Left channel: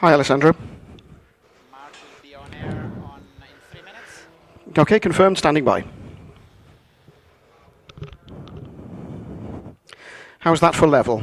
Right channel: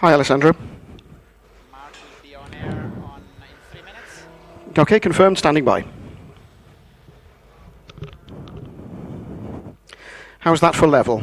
Hi, Alessandro. Mark will be on air in 3 minutes. Okay, confirmed, standing by. How's that for level?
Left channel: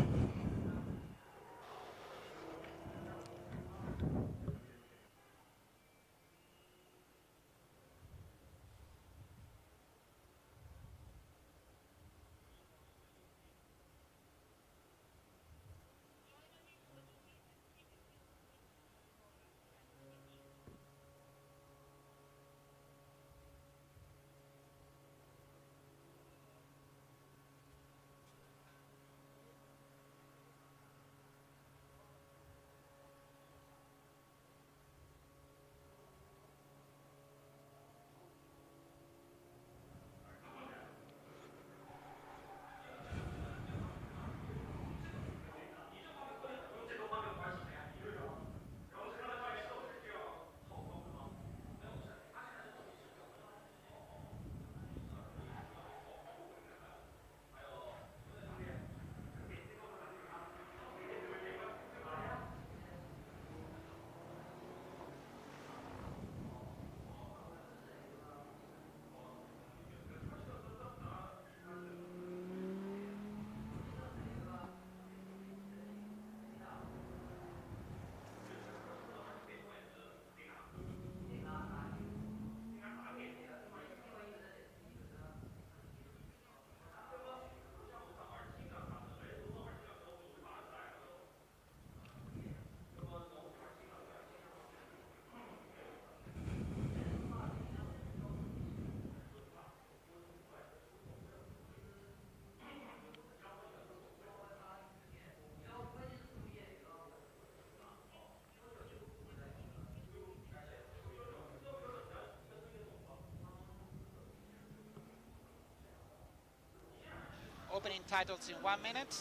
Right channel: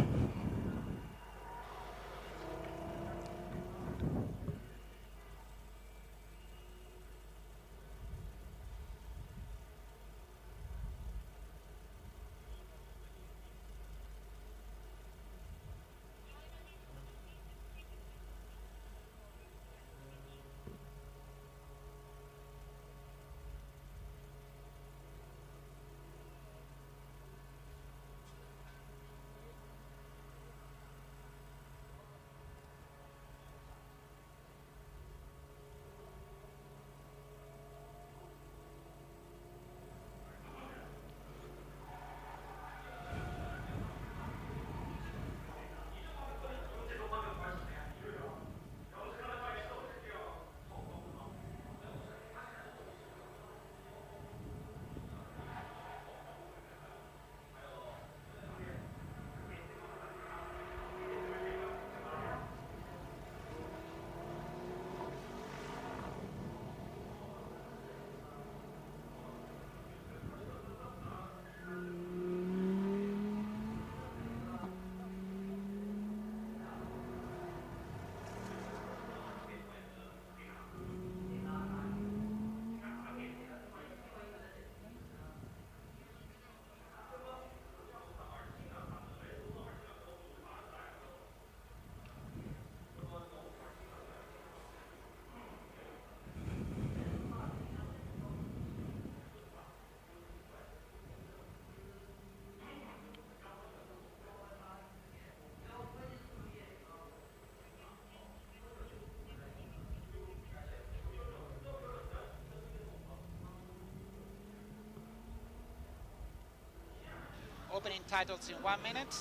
Opening titles in 1 minute.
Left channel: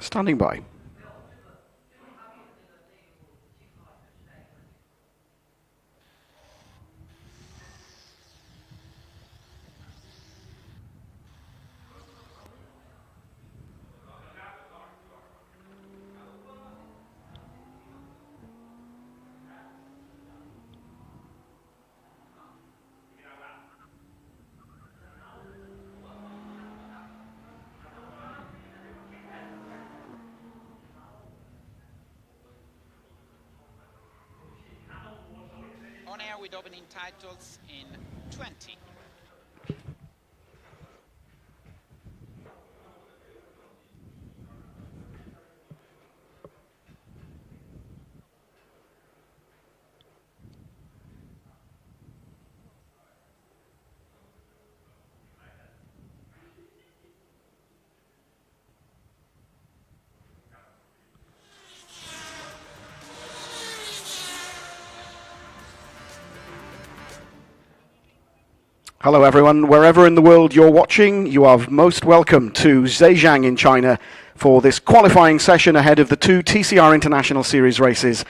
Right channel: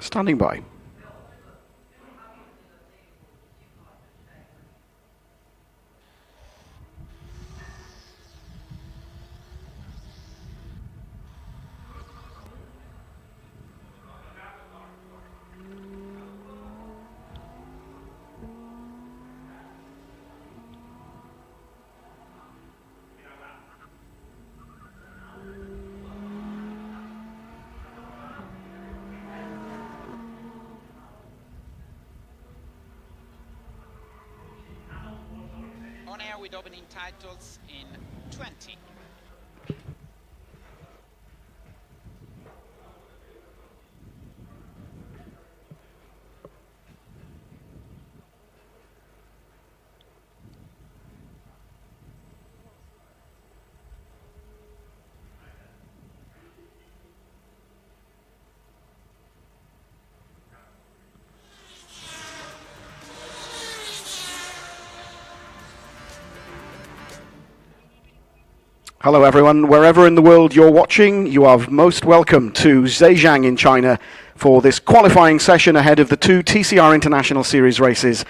Standing by. On air with opening titles in 20. Hello everyone, wherever in the world you're watching, you are most welcome to Zhejiang in China for this qualifying session ahead of the two TCR International Series races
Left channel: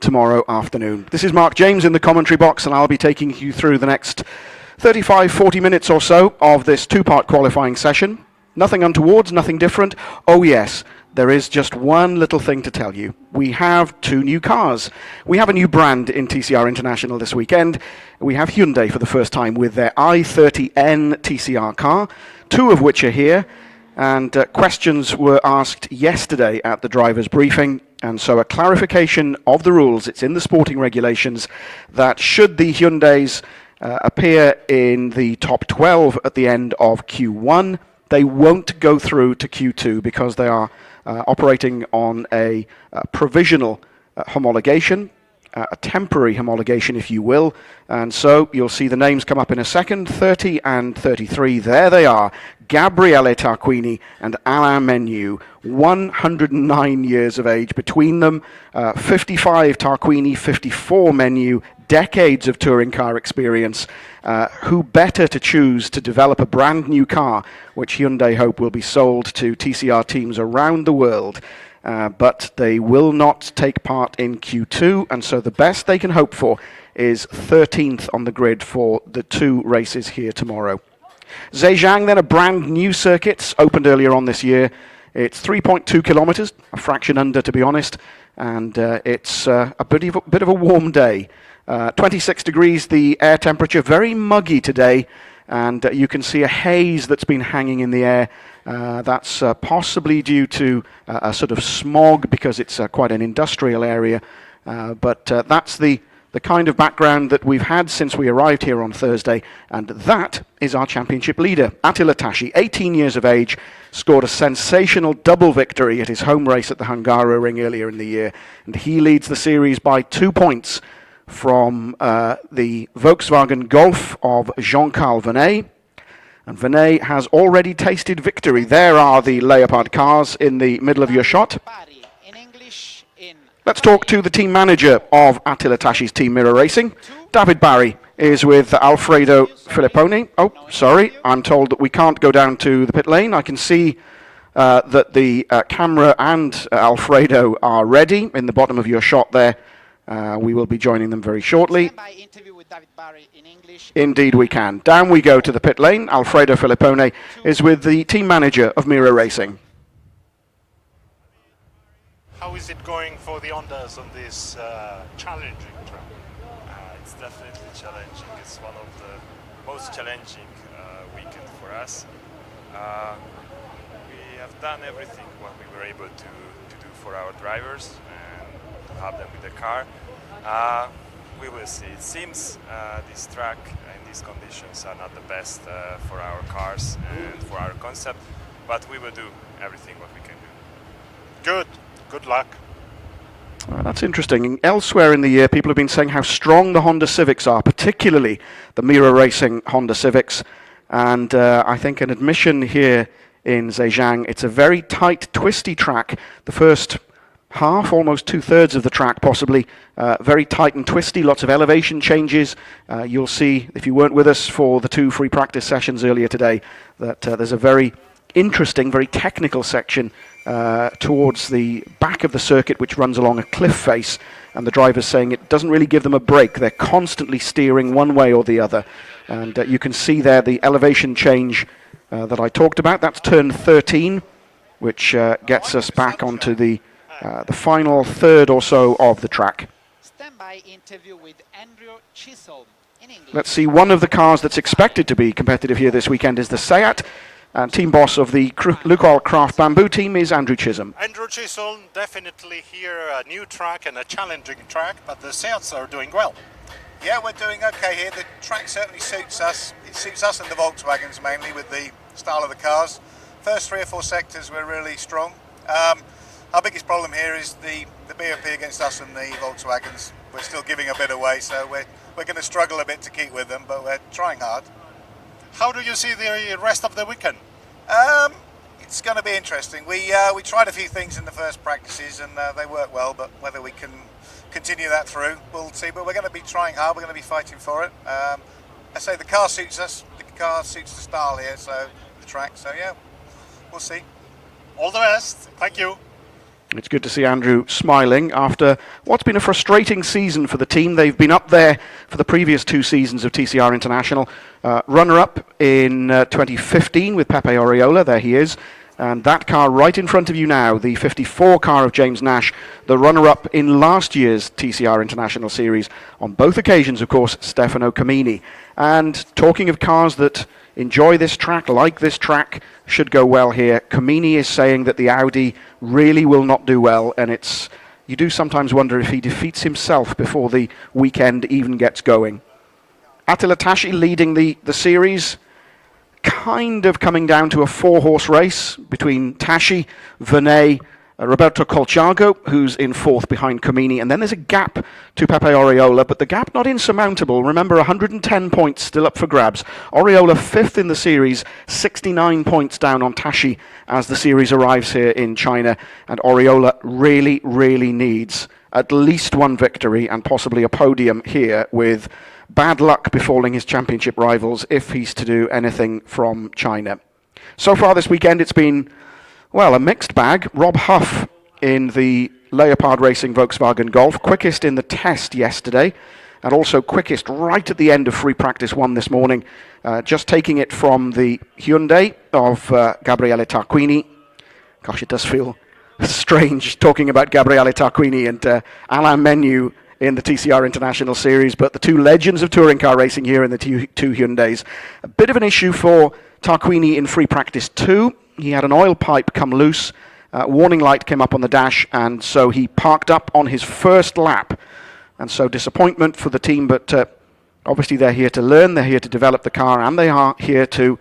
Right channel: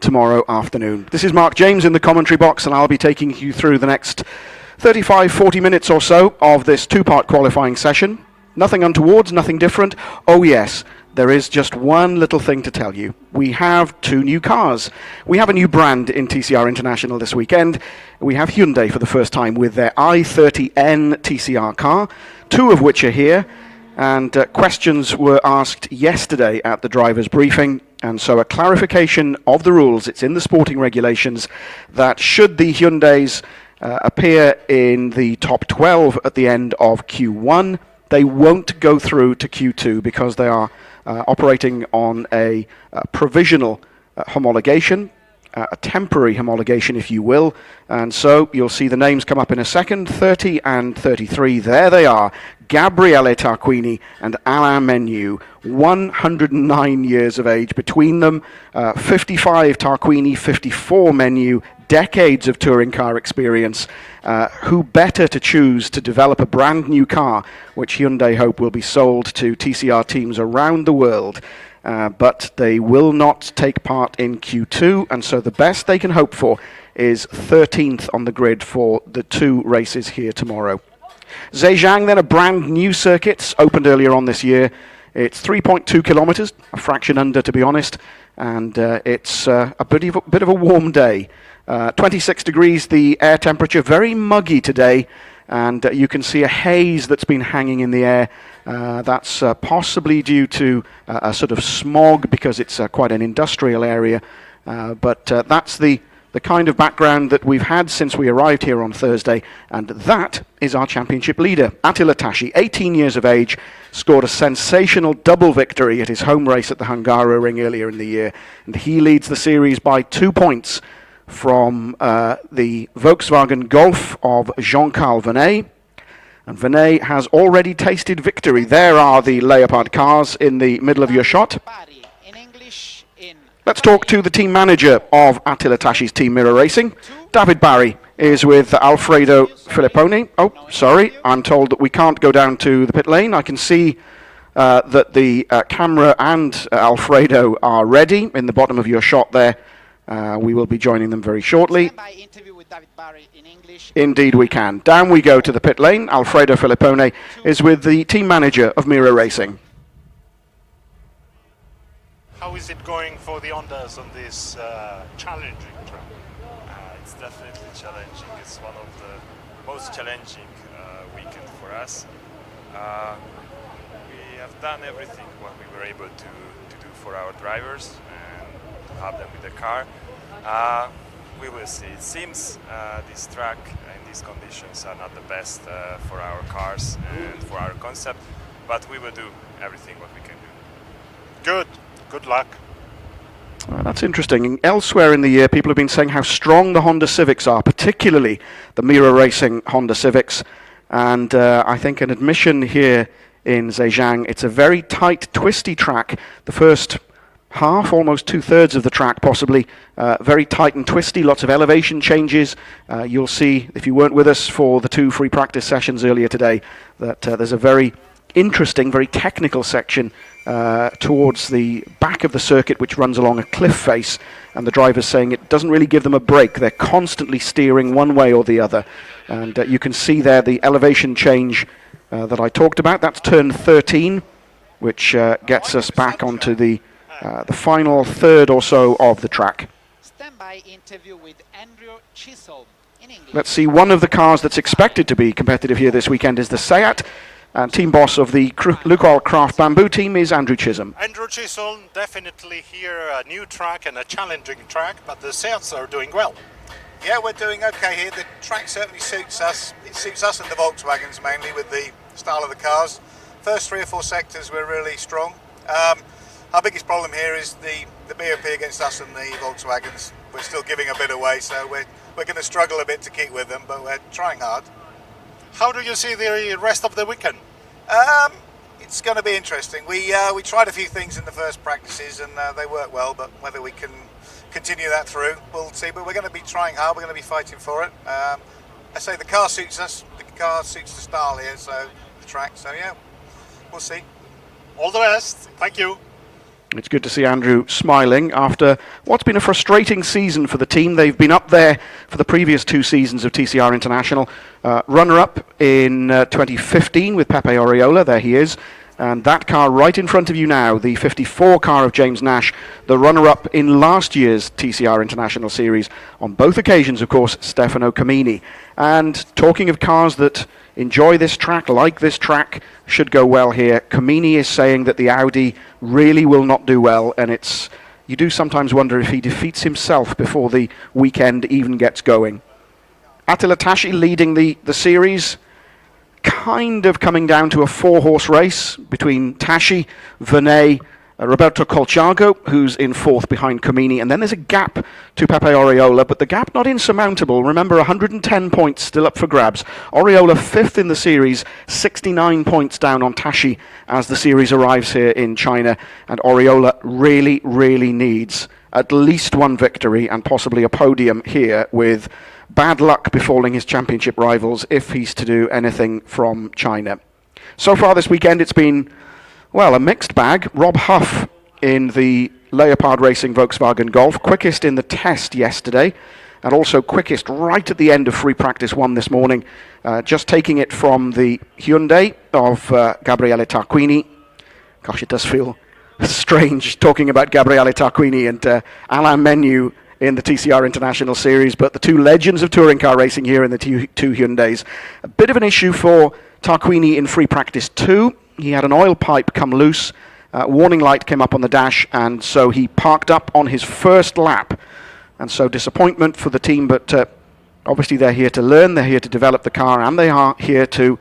tomorrow afternoon. This is Mark James in the commentary box, and I'll be taking you through the next 35-40 minutes or so of this two-part qualifying session. Nothing untowards, nothing different. Oh yes, there is just one little thing to tell you. We have two new cars. We have a new brand in TCR International this weekend. We have Hyundai for the first time with their i30N TCR car, two of which are here. And questions were asked yesterday at the driver's briefing. And so a clarification of the rules, it's in the sporting regulations, that should the Hyundais appear in the top 12 at the end of Q1, they won't go through to Q2 because they are operating on a provisional homologation, a temporary homologation, if you will. And so you'll see the names come up in a second. 30 and 33, there they are. Gabriele Tarquini and Alain Menu, 109 years of age between them. 55 Tarquini, 54 Menu, decades of touring car experience. Who better to choose to develop a brand new car, which Hyundai hope will be sold to TCR teams around the world. But they will not take part in Q2, and so the best they can hope for is 13th on the grid for the two races here tomorrow. Zhejiang, then, a brand new circuit, opened earlier on this year. It's 3.2 kilometres, a fraction under to be honest, and it's a bit of a warm day. 26 degrees the air temperature, very muggy today, and you can see a haze that's been hanging in the air. That's possibly due to a sort of smog because it's quite an industrial area, but that's the kind of background that we've had since we arrived here on Thursday, and that is our championship leader, Attila Tashi, 18 years of age, scored a sensational double victory at his home race at the Hungaroring earlier in the year, and he leads the series by 2 points from the Volkswagen Golf of Jean-Carl Vernet. And Vernet has already tasted victory. There are the Leopard cars in the middle of your shot. Let's talk to the team manager of Attila Tashi's team Mirror Racing. David Barry is with Alfredo Filipponi. Oh, sorry, I'm told that we can't go down to the pit lane. I can see that the camera and Alfredo are ready in the bottom of your shot there. We will be joining them very shortly. Indeed we can. Down we go to the pit lane. Alfredo Filipponi is with the team manager of Mirror Racing. How is it going for the Hondas on this challenging track? It's definitely challenging. It's one of the most challenging weekend for us. We have done everything what we were able to do for our drivers and to have them with the car. We will see. It seems this track and these conditions are not the best for our cars and for our concept, but we will do everything what we can do. Good. Good luck. That's interesting. Elsewhere in the year, people have been saying how strong the Honda Civics are, particularly the Mirror Racing Honda Civics. And I think an admission here in Zhejiang, it's a very tight, twisty track. The first half, almost 2/3 of the track possibly, very tight and twisty, lots of elevation changes. You'll see, if you weren't with us for the 2 free practice sessions earlier today, that there's a very interesting, very technical section towards the back of the circuit, which runs along a cliff face, and the driver's saying it doesn't really give them a break. They're constantly steering one way or the other, and you can see there the elevation change that I talked about. That's turn 13, which gets us back onto the final third or so of the track. Let's see, one of the cars that's expected to be competitive here this weekend is the Seat, and team boss of the Lukoil Craft Bamboo team is Andrew Chisholm. Andrew Chisholm, definitely here a new track and a challenging track, but the Seats are doing well. Yeah, we're doing okay here. The track certainly suits us. It suits us and the Volkswagens mainly with the style of the cars. First 3 or 4 sectors we're really strong. Our biggest problem here is the BOP against us and the Volkswagens. We're still giving a bit away, so we're going to struggle a bit to keep with them, but we're trying hard. How do you see the rest of the weekend? It's going to be interesting. We tried a few things in the first practices and they worked well, but whether we can continue that through, we'll see. But we're going to be trying hard. We're going to be fighting for it. I say the car suits us. The car suits the style here, so the track. So yeah, we'll see. All the best. Thank you. It's good to see Andrew smiling after what's been a frustrating season for the team. They've been up there for the previous 2 seasons of TCR International. Runner-up in 2015 with Pepe Oriola, there he is. And that car right in front of you now, the 54 car of James Nash, the runner-up in last year's TCR International Series. On both occasions, of course, Stefano Camini. And talking of cars that enjoy this track, like this track, should go well here, Camini is saying that the Audi really will not do well, and you do sometimes wonder if he defeats himself before the weekend even gets going. Attila Tashi leading the series, kind of coming down to a 4-horse race between Tashi, Vernet, Roberto Colciago, who's in 4th behind Camini, and then there's a gap to Pepe Oriola, but the gap not insurmountable. Remember, 110 points still up for grabs. Oriola 5th in the series, 69 points down on Tashi as the series arrives here in China, and Oriola really, really needs at least 1 victory and possibly a podium here, with bad luck befalling his championship rivals if he's to do anything from China. So far this weekend it's been, well, a mixed bag. Rob Huff in the Leopard Racing Volkswagen Golf, quickest in the test yesterday, and also quickest right at the end of free practice 1 this morning, just taking it from the Hyundai of Gabriele Tarquini. Gosh, it does feel strange talking about Gabriele Tarquini and Alain Menu in the TCR International Series, but the two legends of touring car racing here in the two Hyundais. A bit of an issue for Tarquini in free practice 2. He had an oil pipe come loose, warning light came up on the dash, and so he parked up on his first lap. And so disappointment for the team, but obviously they're here to learn, they're here to develop the car, and they are here to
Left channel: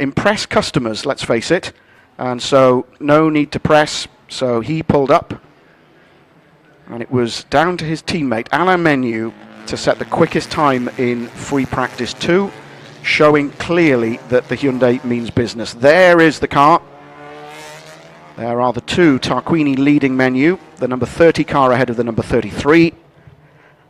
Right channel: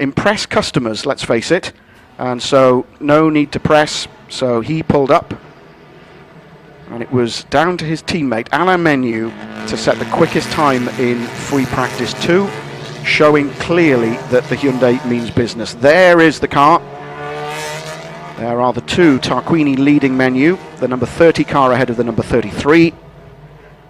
impress customers, let's face it. And so no need to press, so he pulled up. And it was down to his teammate, Alain Menu, to set the quickest time in free practice 2, showing clearly that the Hyundai means business. There is the car. There are the two, Tarquini leading Menu, the number 30 car ahead of the number 33.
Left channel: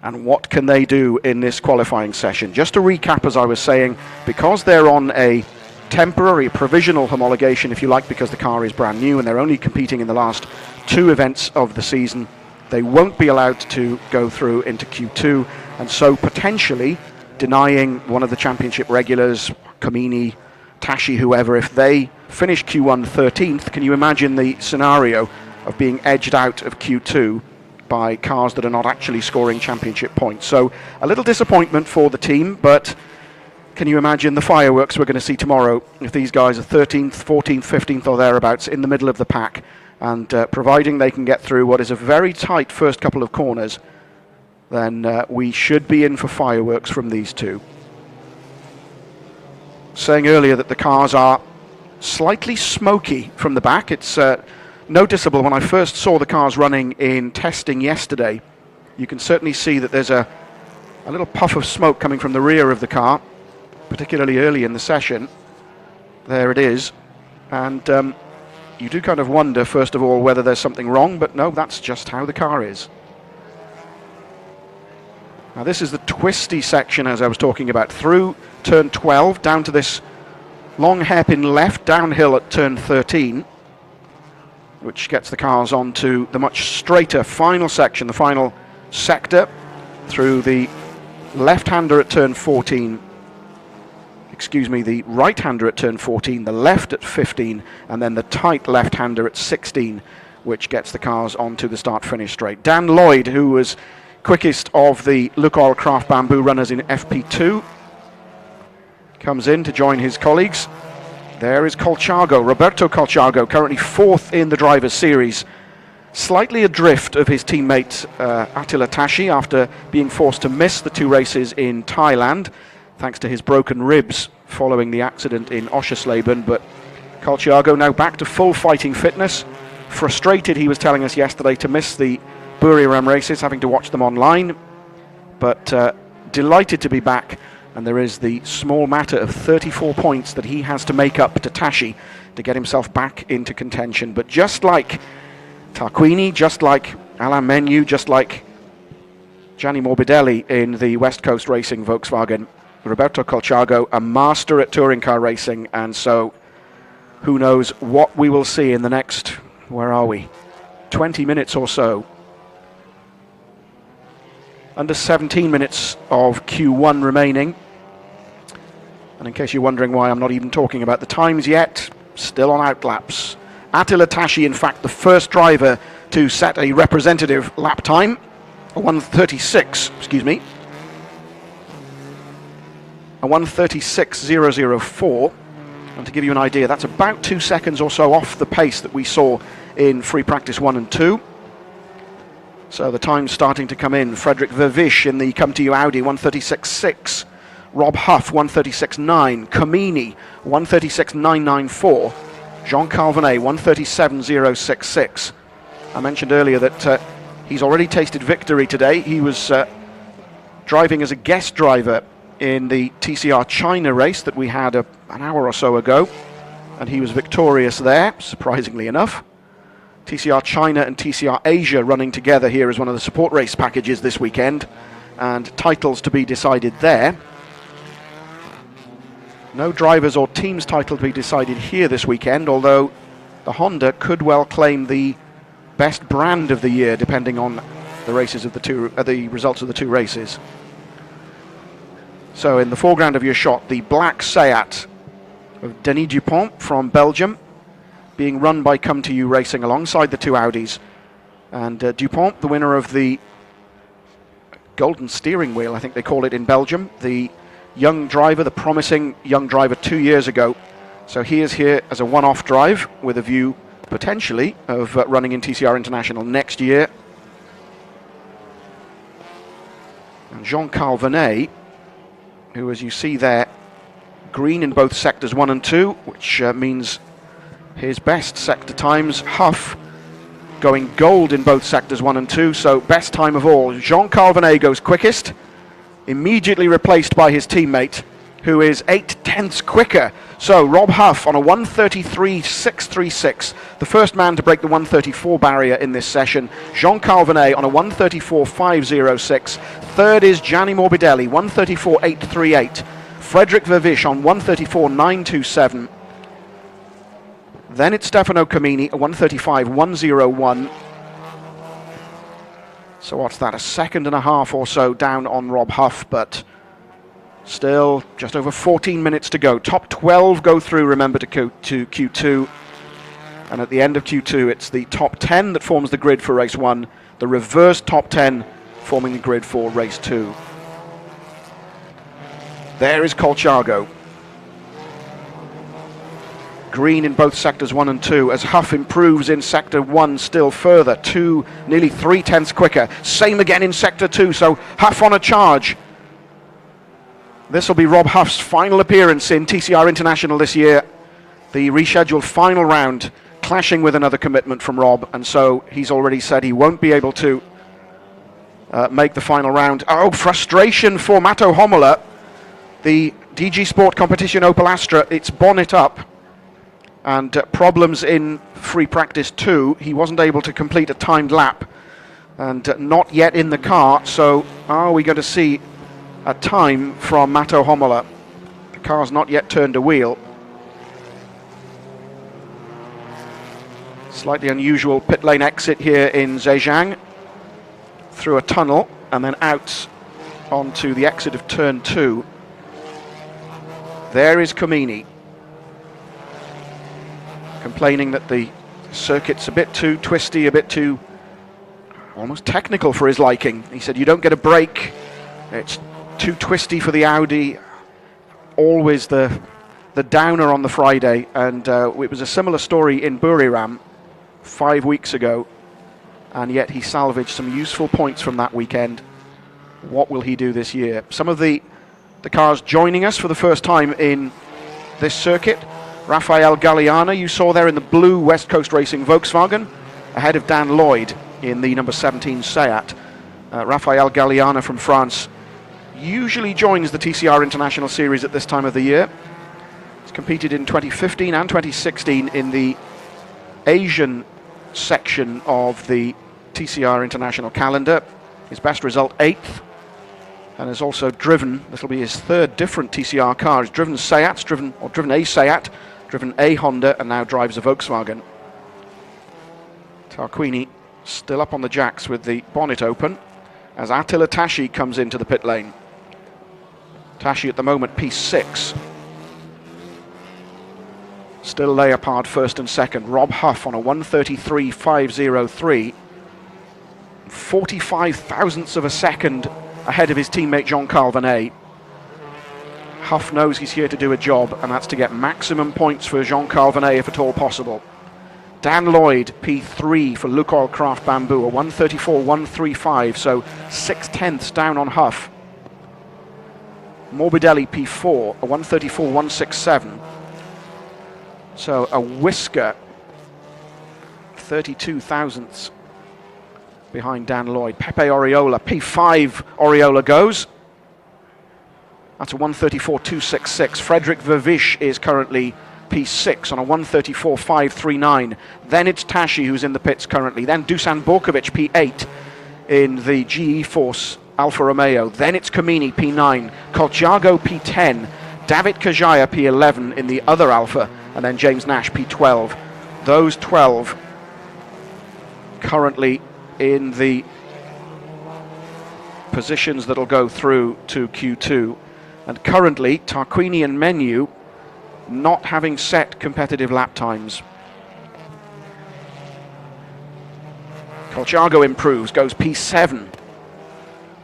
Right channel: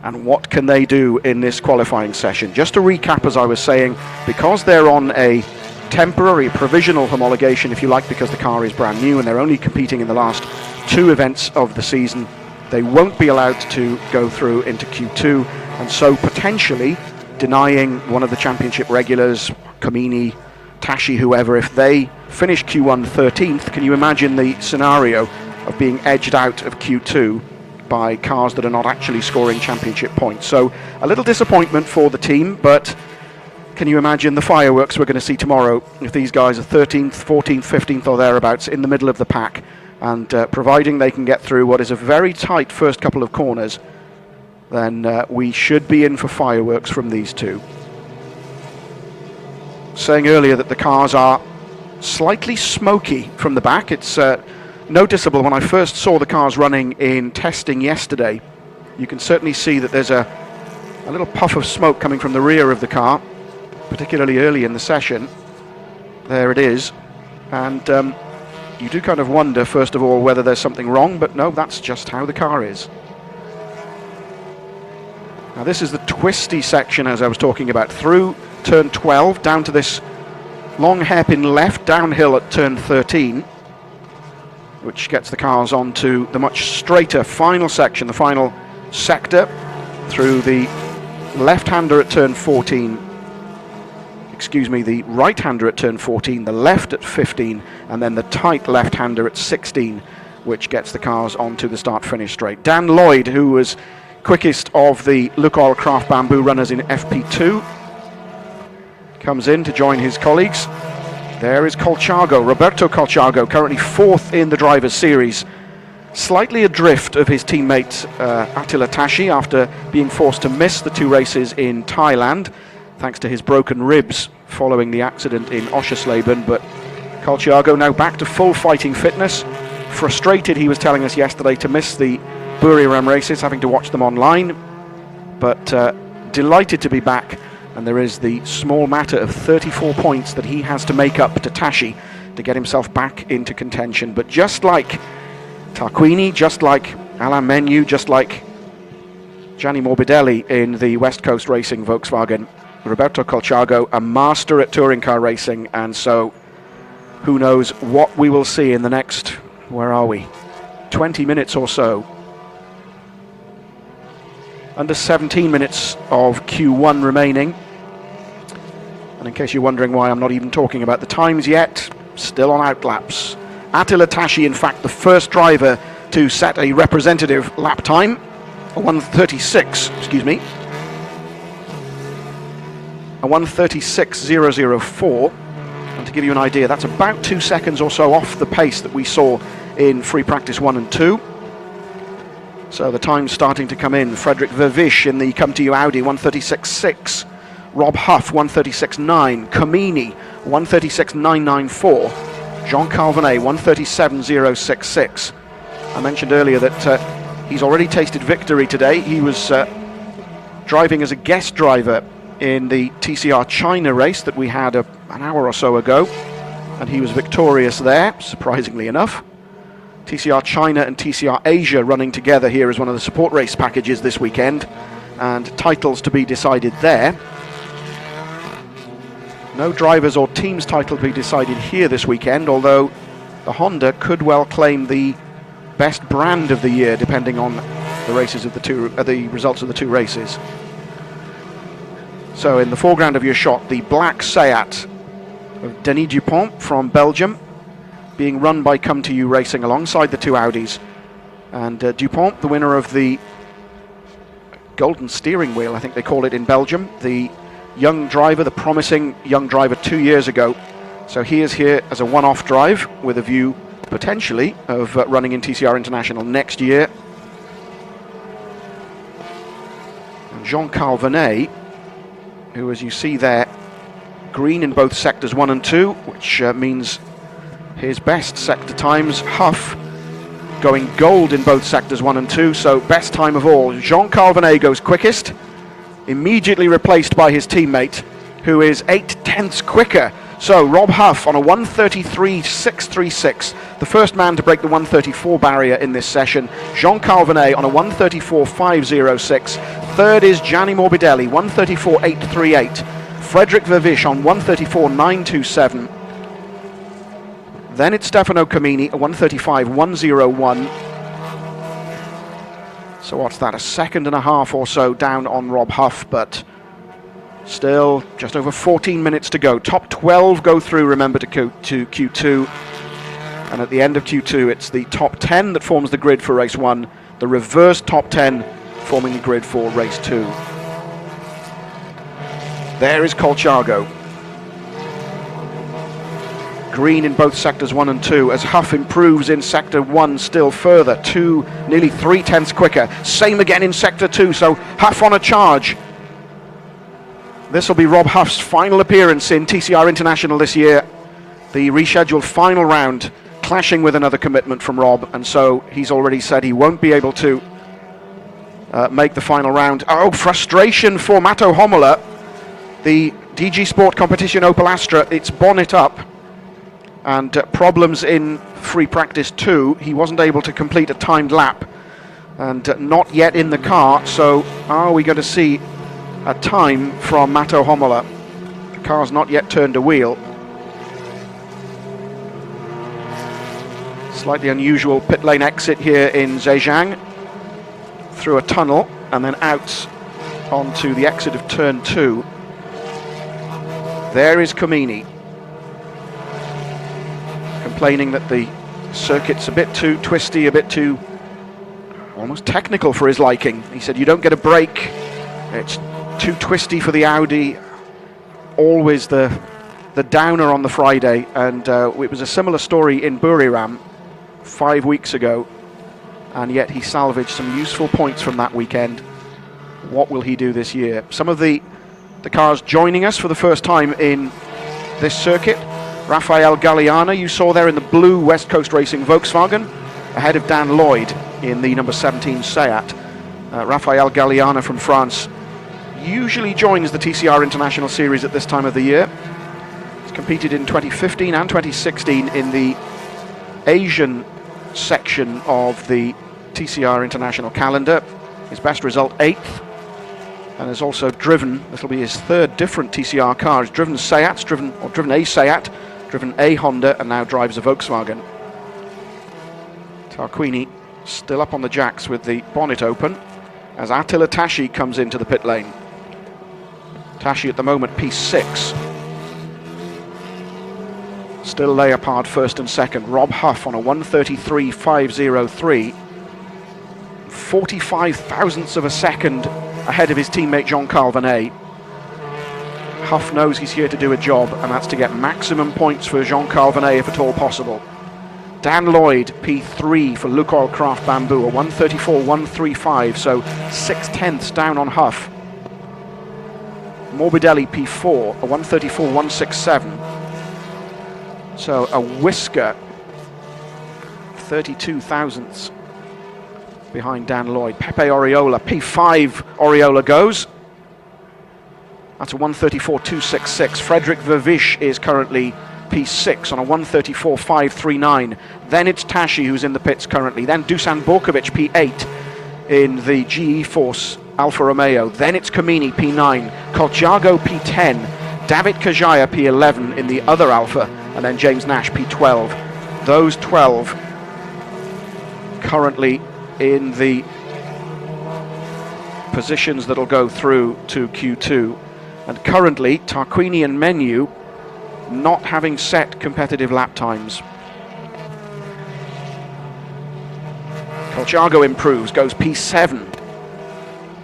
And what can they do in this qualifying session? Just to recap, as I was saying, because they're on a temporary, provisional homologation, if you like, because the car is brand new and they're only competing in the last 2 events of the season, they won't be allowed to go through into Q2, and so potentially denying one of the championship regulars, Kamini, Tashi, whoever, if they finish Q1 13th, can you imagine the scenario of being edged out of Q2 by cars that are not actually scoring championship points? So a little disappointment for the team, but can you imagine the fireworks we're going to see tomorrow if these guys are 13th, 14th, 15th or thereabouts in the middle of the pack, and providing they can get through what is a very tight first couple of corners, then we should be in for fireworks from these two. Saying earlier that the cars are slightly smoky from the back. It's noticeable when I first saw the cars running in testing yesterday. You can certainly see that there's a little puff of smoke coming from the rear of the car, particularly early in the session. There it is. And you do kind of wonder, first of all, whether there's something wrong, but no, that's just how the car is. Now this is the twisty section, as I was talking about, through turn 12, down to this long hairpin left, downhill at turn 13, which gets the cars onto the much straighter final section, the final sector, through the left-hander at turn 14, the right-hander at turn 14, the left at 15, and then the tight left-hander at 16, which gets the cars onto the start-finish straight. Dan Lloyd, who was quickest of the Lukoil Craft Bamboo runners in FP2, comes in to join his colleagues. There is Colciago, Roberto Colciago, currently 4th in the Drivers' Series, slightly adrift of his teammate Attila Tashi after being forced to miss the 2 races in Thailand, thanks to his broken ribs following the accident in Oschersleben. But Colciago now back to full fighting fitness. Frustrated, he was telling us yesterday, to miss the Buriram races, having to watch them online, but delighted to be back. And there is the small matter of 34 points that he has to make up to Tashi to get himself back into contention. But just like Tarquini, just like Alain Menu, just like Gianni Morbidelli in the West Coast Racing Volkswagen, Roberto Colciago, a master at touring car racing, and so who knows what we will see in the next, where are we, 20 minutes or so. Under 17 minutes of Q1 remaining. And in case you're wondering why I'm not even talking about the times yet, still on outlaps. Attila Tashi, in fact, the first driver to set a representative lap time, a 1:36, a 1:36.004. And to give you an idea, that's about 2 seconds or so off the pace that we saw in free practice 1 and 2. So the time's starting to come in. Frederick Vervish in the Come To You Audi, 1:36.6. Rob Huff, 1:36.9. Kamini, 1:36.994. Jean Calvinet, 1:37.066. I mentioned earlier that he's already tasted victory today. He was driving as a guest driver in the TCR China race that we had an hour or so ago, and he was victorious there, surprisingly enough. TCR China and TCR Asia running together here as one of the support race packages this weekend, and titles to be decided there. No drivers or teams title to be decided here this weekend, although the Honda could well claim the best brand of the year, depending on the races of the results of the 2 races. So in the foreground of your shot, the black Seat of Denis Dupont from Belgium, being run by Come To You Racing alongside the two Audis. And Dupont, the winner of the Golden Steering Wheel, I think they call it in Belgium, the young driver, the promising young driver 2 years ago. So he is here as a one-off drive with a view potentially of running in TCR International next year. And Jean-Carl Vernet, who, as you see there, green in both sectors 1 and 2, which means his best sector times. Huff going gold in both sectors 1 and 2, so best time of all. Jean-Carl Vernet goes quickest, immediately replaced by his teammate, who is 8/10ths quicker. So Rob Huff on a 1:33.636, the first man to break the 1:34 barrier in this session. Jean-Carl Vernet on a 1:34.506. Third is Gianni Morbidelli, 1:34.838. Frederick Vervish on 1:34.927. Then it's Stefano Camini, a 1:35.101. So what's that, a second and a half or so down on Rob Huff, but still just over 14 minutes to go. Top 12 go through, remember, to Q2. And at the end of Q2, it's the top 10 that forms the grid for race 1, the reverse top 10 forming the grid for race 2. There is Colchargo. Green in both sectors 1 and 2 as Huff improves in sector 1 still further, nearly 3/10ths quicker. Same again in sector 2, so Huff on a charge. This will be Rob Huff's final appearance in TCR International this year. The rescheduled final round clashing with another commitment from Rob, and so he's already said he won't be able to make the final round. Oh, frustration for Mato Homola. The DG Sport Competition Opel Astra, it's bonnet up, and problems in free practice 2. He wasn't able to complete a timed lap, and not yet in the car, so are we going to see a time from Mato Homola? The car's not yet turned a wheel. Slightly unusual pit lane exit here in Zhejiang, through a tunnel and then out onto the exit of turn 2. There is Camini, complaining that the circuit's a bit too twisty, a bit too almost technical for his liking. He said you don't get a break, it's too twisty for the Audi. Always the downer on the Friday, and it was a similar story in Buriram 5 weeks ago, and yet he salvaged some useful points from that weekend. What will he do this year? Some of the cars joining us for the first time in this circuit. Rafael Galliana, you saw there in the blue West Coast Racing Volkswagen, ahead of Dan Lloyd in the number 17 Seat. Rafael Galliana from France usually joins the TCR International Series at this time of the year. He's competed in 2015 and 2016 in the Asian section of the TCR International calendar. His best result, 8th, and has also driven, this will be his third different TCR car. He's driven Seats, driven a Seat, driven a Honda, and now drives a Volkswagen. Tarquini still up on the jacks with the bonnet open as Attila Tashi comes into the pit lane. Tashi at the moment P6. Still Leopard first and second. Rob Huff on a 1:33.503. 45 thousandths of a second ahead of his teammate Jean-Carl Vernet. Huff knows he's here to do a job, and that's to get maximum points for Jean-Carl Vernet if at all possible. Dan Lloyd, P3 for Lukoil Craft Bamboo, a 1:34.135, so 6/10ths down on Huff. Morbidelli, P4, a 1:34.167. So a whisker, 32 thousandths behind Dan Lloyd. Pepe Oriola, P5, Oriola goes. That's a 1:34.266. Frederick Vervish is currently P6 on a 1:34.539. Then it's Tashi who's in the pits currently. Then Dusan Borkovic, P8 in the GE Force Alfa Romeo. Then it's Camini, P9. Colchargo, P10. David Kajaya, P11 in the other Alfa. And then James Nash, P12. Those 12 currently in the positions that'll go through to Q2. And currently, Tarquini and Menu not having set competitive lap times. Colciago improves, goes P7.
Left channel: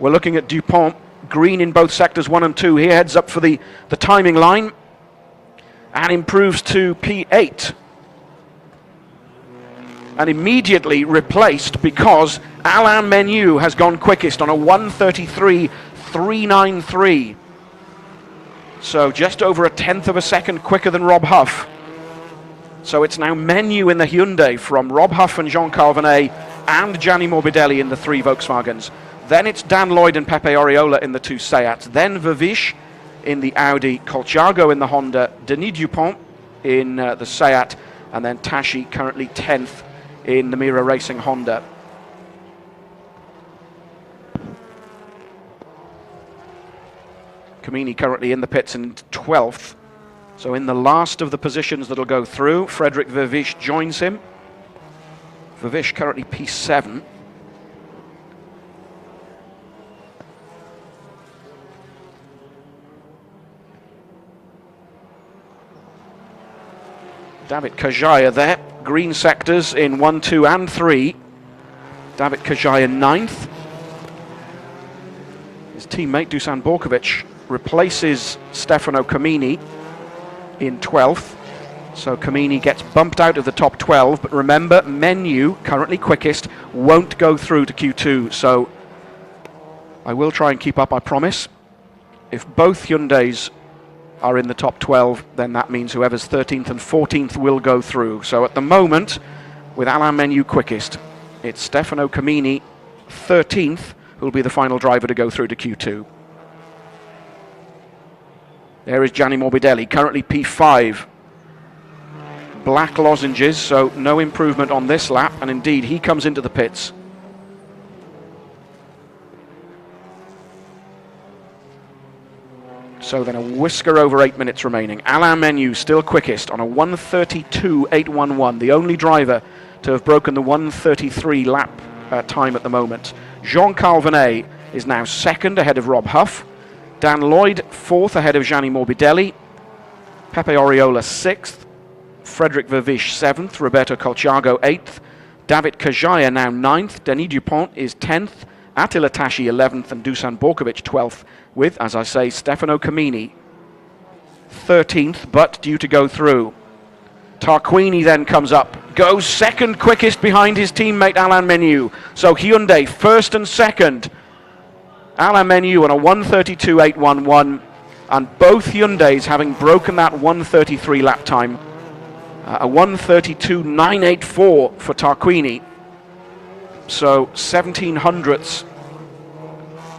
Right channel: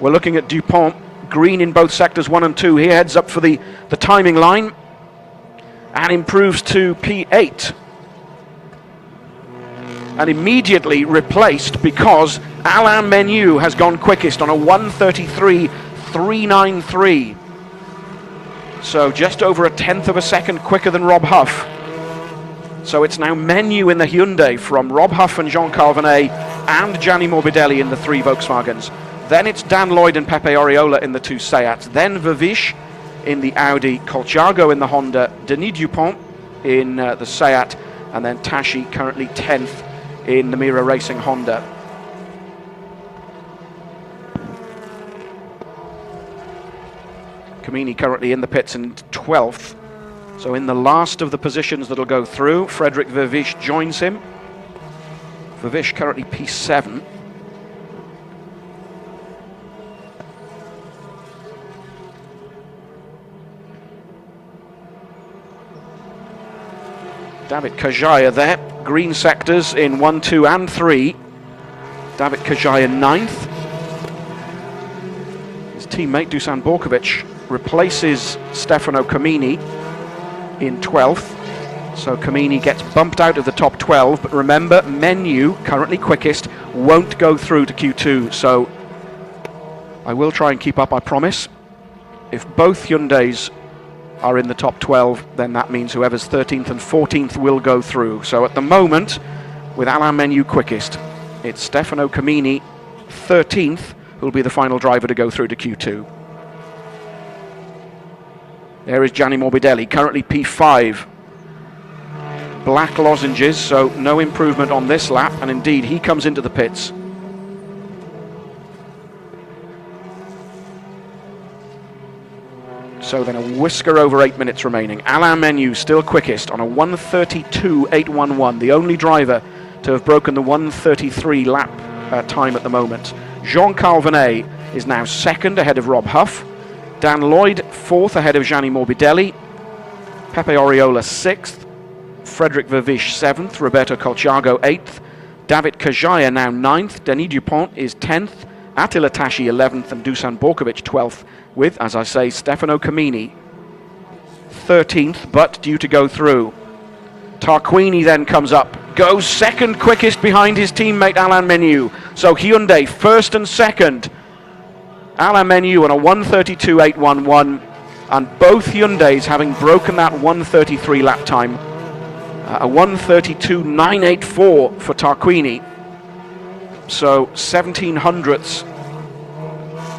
We're looking at Dupont, green in both sectors 1 and 2. He heads up for the timing line and improves to P8. And immediately replaced because Alain Menu has gone quickest on a 1:33.393. So just over a tenth of a second quicker than Rob Huff. So it's now Menu in the Hyundai from Rob Huff and Jean Calvinet and Gianni Morbidelli in the 3 Volkswagens. Then it's Dan Lloyd and Pepe Oriola in the 2 Seats. Then Vervish in the Audi, Colciago in the Honda, Denis Dupont in the Seat, and then Tashi currently 10th in the Mira Racing Honda. Camini currently in the pits in 12th. So in the last of the positions that'll go through, Frederick Vervish joins him. Vervish currently P7. David Kajaya there, green sectors in 1, 2 and 3. David Kajaya 9th. His teammate Dusan Borkovic replaces Stefano Camini in 12th. So Camini gets bumped out of the top 12, but remember, Menu, currently quickest, won't go through to Q2, so I will try and keep up, I promise. If both Hyundais are in the top 12, then that means whoever's 13th and 14th will go through. So at the moment, with Alain Menu quickest, it's Stefano Camini, 13th, who'll be the final driver to go through to Q2. There is Gianni Morbidelli, currently P5. Black lozenges, so no improvement on this lap, and indeed he comes into the pits. So then a whisker over 8 minutes remaining. Alain Menu still quickest on a 1:32.811, the only driver to have broken the 1:33 lap time at the moment. Jean Calvinet is now 2nd ahead of Rob Huff. Dan Lloyd 4th ahead of Gianni Morbidelli. Pepe Oriola 6th. Frederick Vervish 7th. Roberto Colciago 8th. David Kajaya now 9th. Denis Dupont is 10th. Attila Tashi 11th and Dusan Borkovic 12th, with, as I say, Stefano Camini 13th, but due to go through. Tarquini then comes up, goes 2nd quickest behind his teammate Alain Menu. So Hyundai 1st and 2nd. Alain Menu on a 1:32.811, and both Hyundais having broken that 1:33 lap time. A 1:32.984 for Tarquini. So 17 hundredths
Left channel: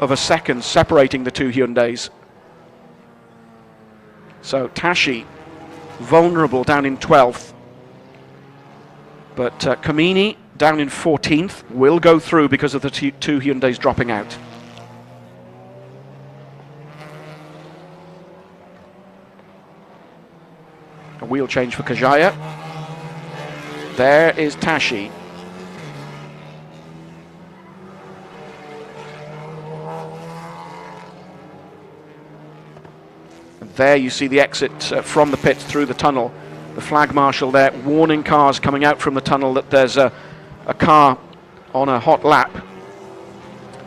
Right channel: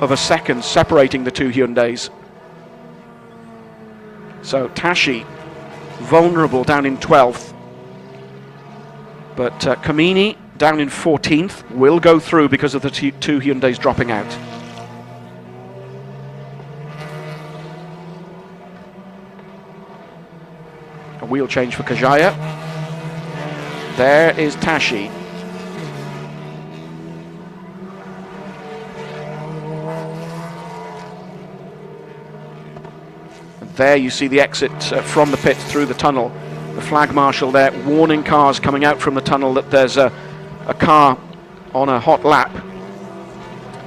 of a second separating the 2 Hyundais. So Tashi vulnerable down in 12th, but Camini down in 14th will go through because of the 2 Hyundais dropping out. A wheel change for Kajaya. There is Tashi. There you see the exit from the pits through the tunnel. The flag marshal there warning cars coming out from the tunnel that there's a car on a hot lap.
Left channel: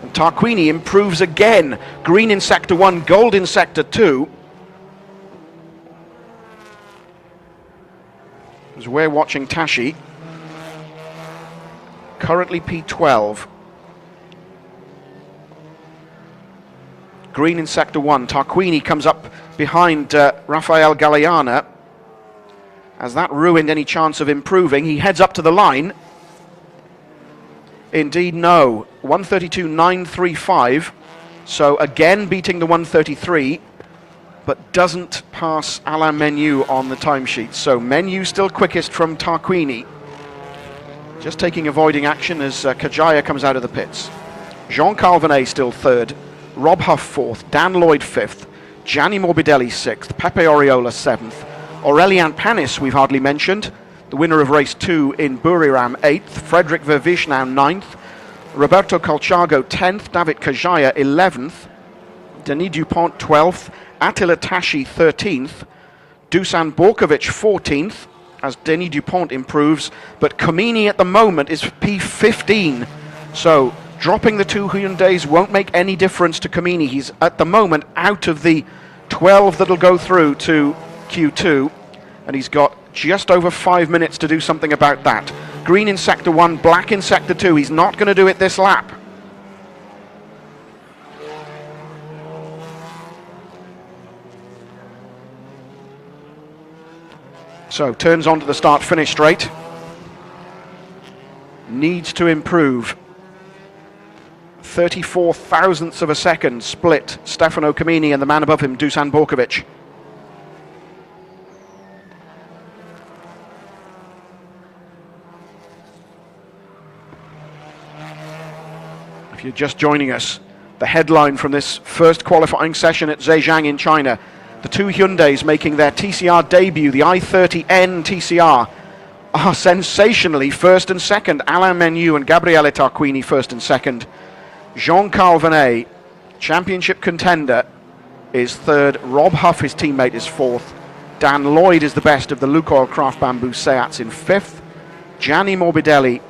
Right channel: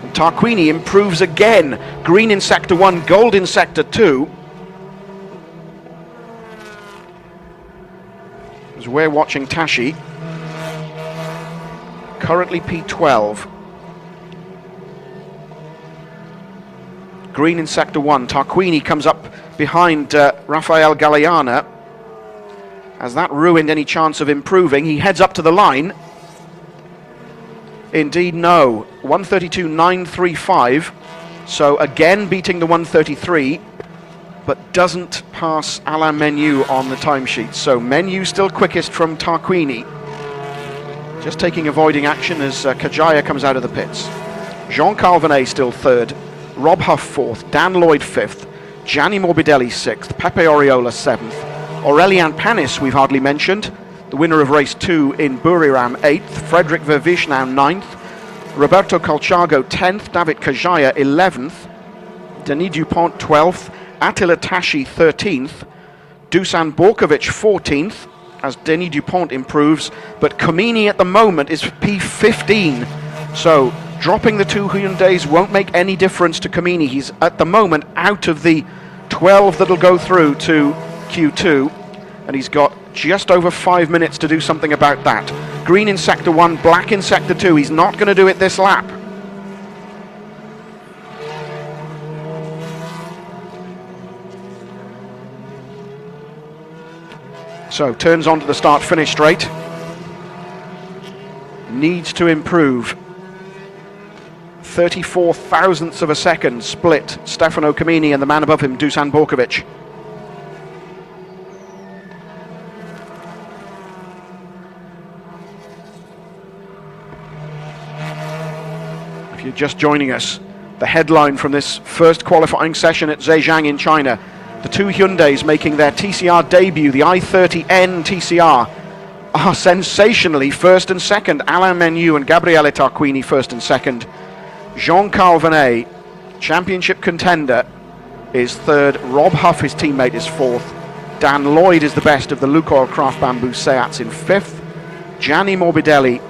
And Tarquini improves again. Green in sector 1, gold in sector 2. As we're watching Tashi, currently P12. Green in sector 1. Tarquini comes up behind Rafael Galeana. Has that ruined any chance of improving? He heads up to the line. Indeed, no. 1:32.935. So again beating the 1:33, but doesn't pass Alain Menu on the timesheet. So Menu still quickest from Tarquini. Just taking avoiding action as Kajaya comes out of the pits. Jean Calvinet still 3rd. Rob Huff 4th. Dan Lloyd 5th. Gianni Morbidelli 6th, Pepe Oriola 7th, Aurélien Panis we've hardly mentioned, the winner of race 2 in Buriram 8th, Frederick Vervish now 9th, Roberto Colciago 10th, David Kajaya 11th, Denis Dupont 12th, Attila Tashi 13th, Dusan Borkovic 14th, as Denis Dupont improves, but Comini at the moment is P15. So dropping the two Hyundais won't make any difference to Comini. He's at the moment out of the 12 that'll go through to Q2, and he's got just over 5 minutes to do something about that. Green in sector 1, black in sector 2. He's not going to do it this lap. So turns onto the start-finish straight. Needs to improve. 34 thousandths of a second split Stefano Comini and the man above him, Dusan Borkovic. If you're just joining us, the headline from this first qualifying session at Zhejiang in China: the two Hyundais making their TCR debut, the i30N TCR, are sensationally first and second. Alain Menu and Gabriele Tarquini first and second. Jean Calvinet, championship contender, is third. Rob Huff, his teammate, is fourth. Dan Lloyd is the best of the Lukoil Craft Bamboo Seats in fifth. Gianni Morbidelli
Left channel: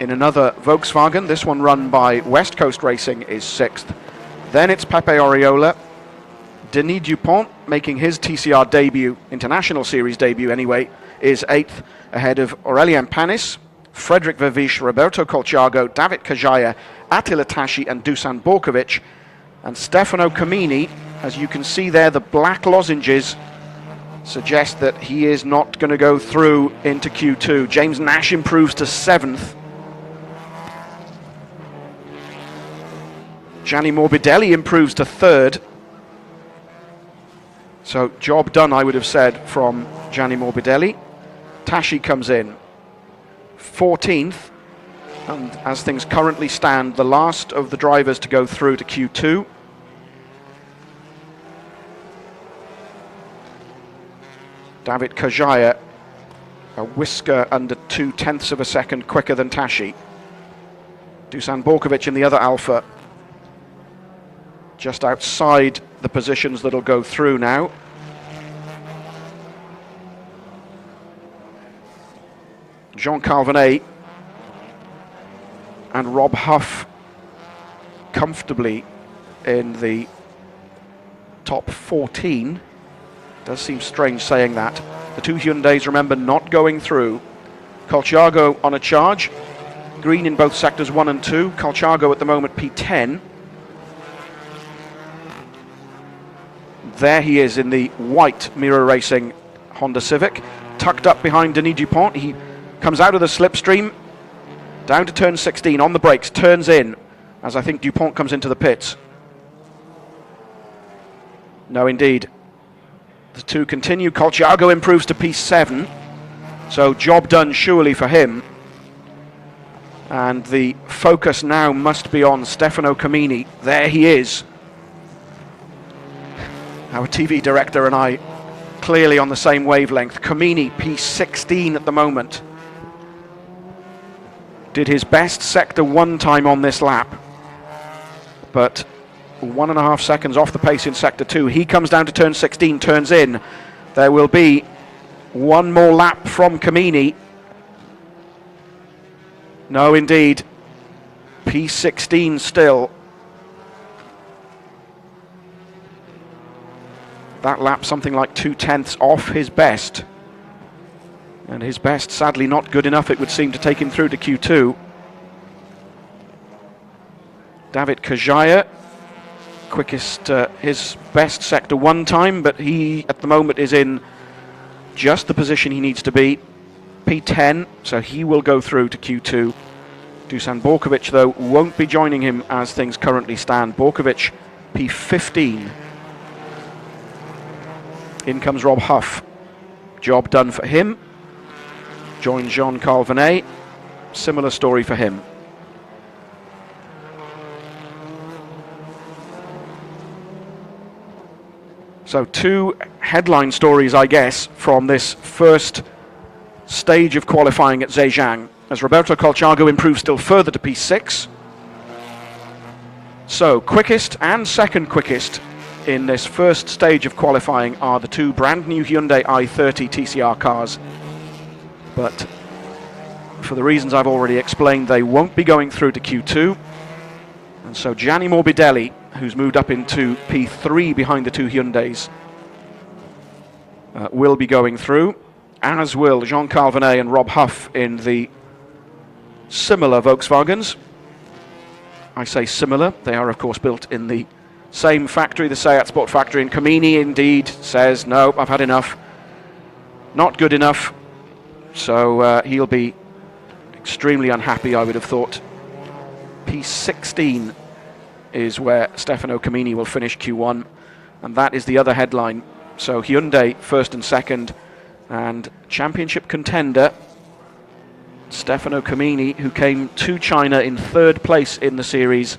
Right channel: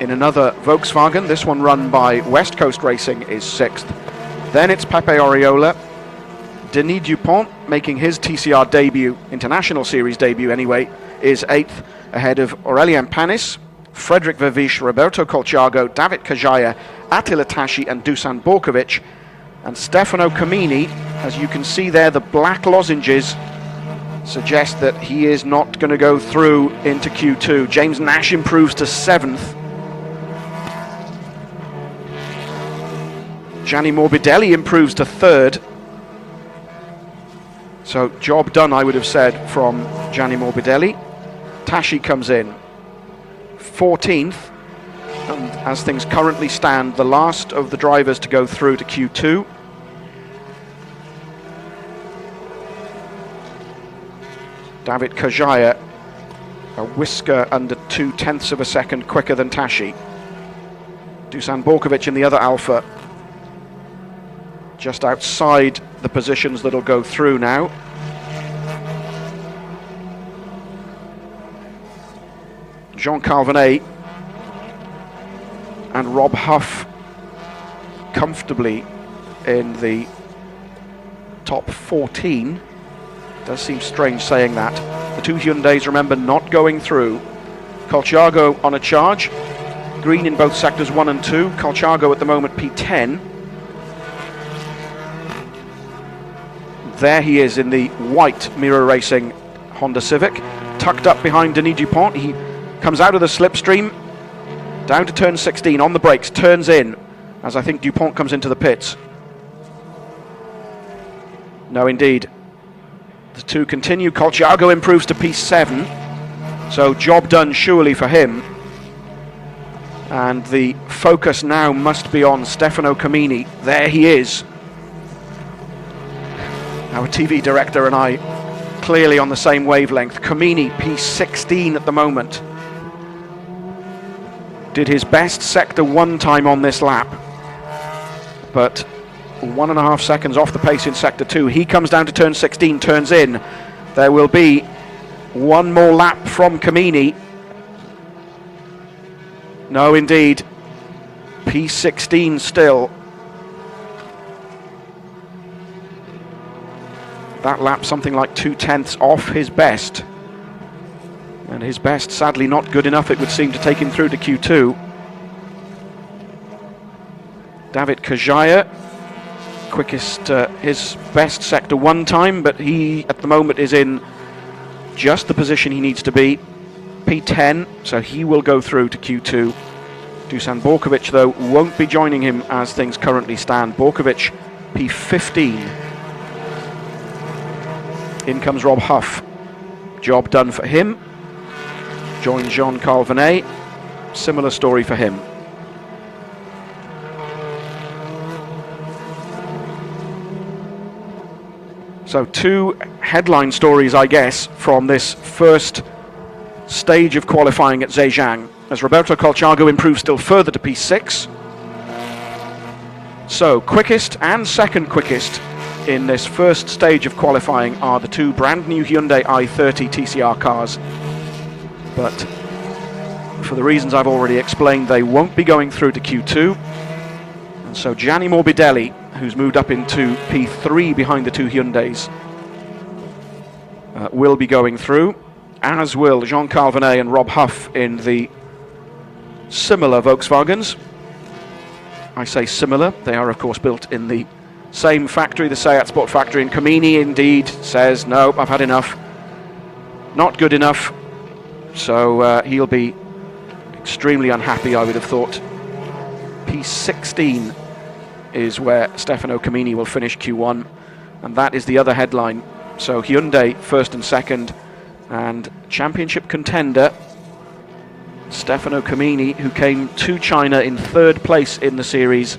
in another Volkswagen, this one run by West Coast Racing, is sixth. Then it's Pepe Oriola. Denis Dupont, making his TCR debut, International Series debut anyway, is eighth, ahead of Aurelien Panis, Frederic Verviche, Roberto Colciago, David Kajaya, Attila Tashi and Dusan Borkovic. And Stefano Comini, as you can see there, the black lozenges suggest that he is not going to go through into Q2. James Nash improves to seventh. Gianni Morbidelli improves to third. So job done, I would have said, from Gianni Morbidelli. Tashi comes in 14th, and as things currently stand, the last of the drivers to go through to Q2. David Kajaya, a whisker under 0.2 of a second quicker than Tashi. Dusan Borkovic in the other Alpha, just outside the positions that'll go through now. Jean Calvinet and Rob Huff comfortably in the top 14. Does seem strange saying that. The two Hyundais, remember, not going through. Colciago on a charge. Green in both sectors 1 and 2. Colciago at the moment P10. There he is in the white Mirror Racing Honda Civic, tucked up behind Denis Dupont. He comes out of the slipstream, down to turn 16, on the brakes, turns in, as I think Dupont comes into the pits. No, indeed. The two continue. Colciago improves to P7, so job done surely for him. And the focus now must be on Stefano Comini. There he is. Our TV director and I clearly on the same wavelength. Comini, P16 at the moment. Did his best sector 1 time on this lap, but 1.5 seconds off the pace in sector 2. He comes down to turn 16, turns in. There will be one more lap from Comini. No, indeed. P16 still. That lap something like 0.2 off his best. And his best sadly not good enough, it would seem, to take him through to Q2. David Kajaya, quickest, his best sector 1 time, but he at the moment is in just the position he needs to be. P10, so he will go through to Q2. Dusan Borkovic, though, won't be joining him as things currently stand. Borkovic, P15. In comes Rob Huff. Job done for him. Joins Jean Calvinet. Similar story for him. So 2 headline stories, I guess, from this first stage of qualifying at Zhejiang, as Roberto Colciago improves still further to P6. So quickest and second quickest in this first stage of qualifying are the 2 brand new Hyundai i30 TCR cars. but for the reasons I've already explained, they won't be going through to Q2. And so Gianni Morbidelli, who's moved up into P3 behind the two Hyundais, will be going through, as will Jean Calvinet and Rob Huff in the similar Volkswagens. I say similar, they are of course built in the same factory, the Seat Sport factory, and Comini indeed says, no, I've had enough, not good enough, so he'll be extremely unhappy, I would have thought. P16 is where Stefano Comini will finish Q1, and that is the other headline. So Hyundai first and second, and championship contender Stefano Comini, who came to China in third place in the series,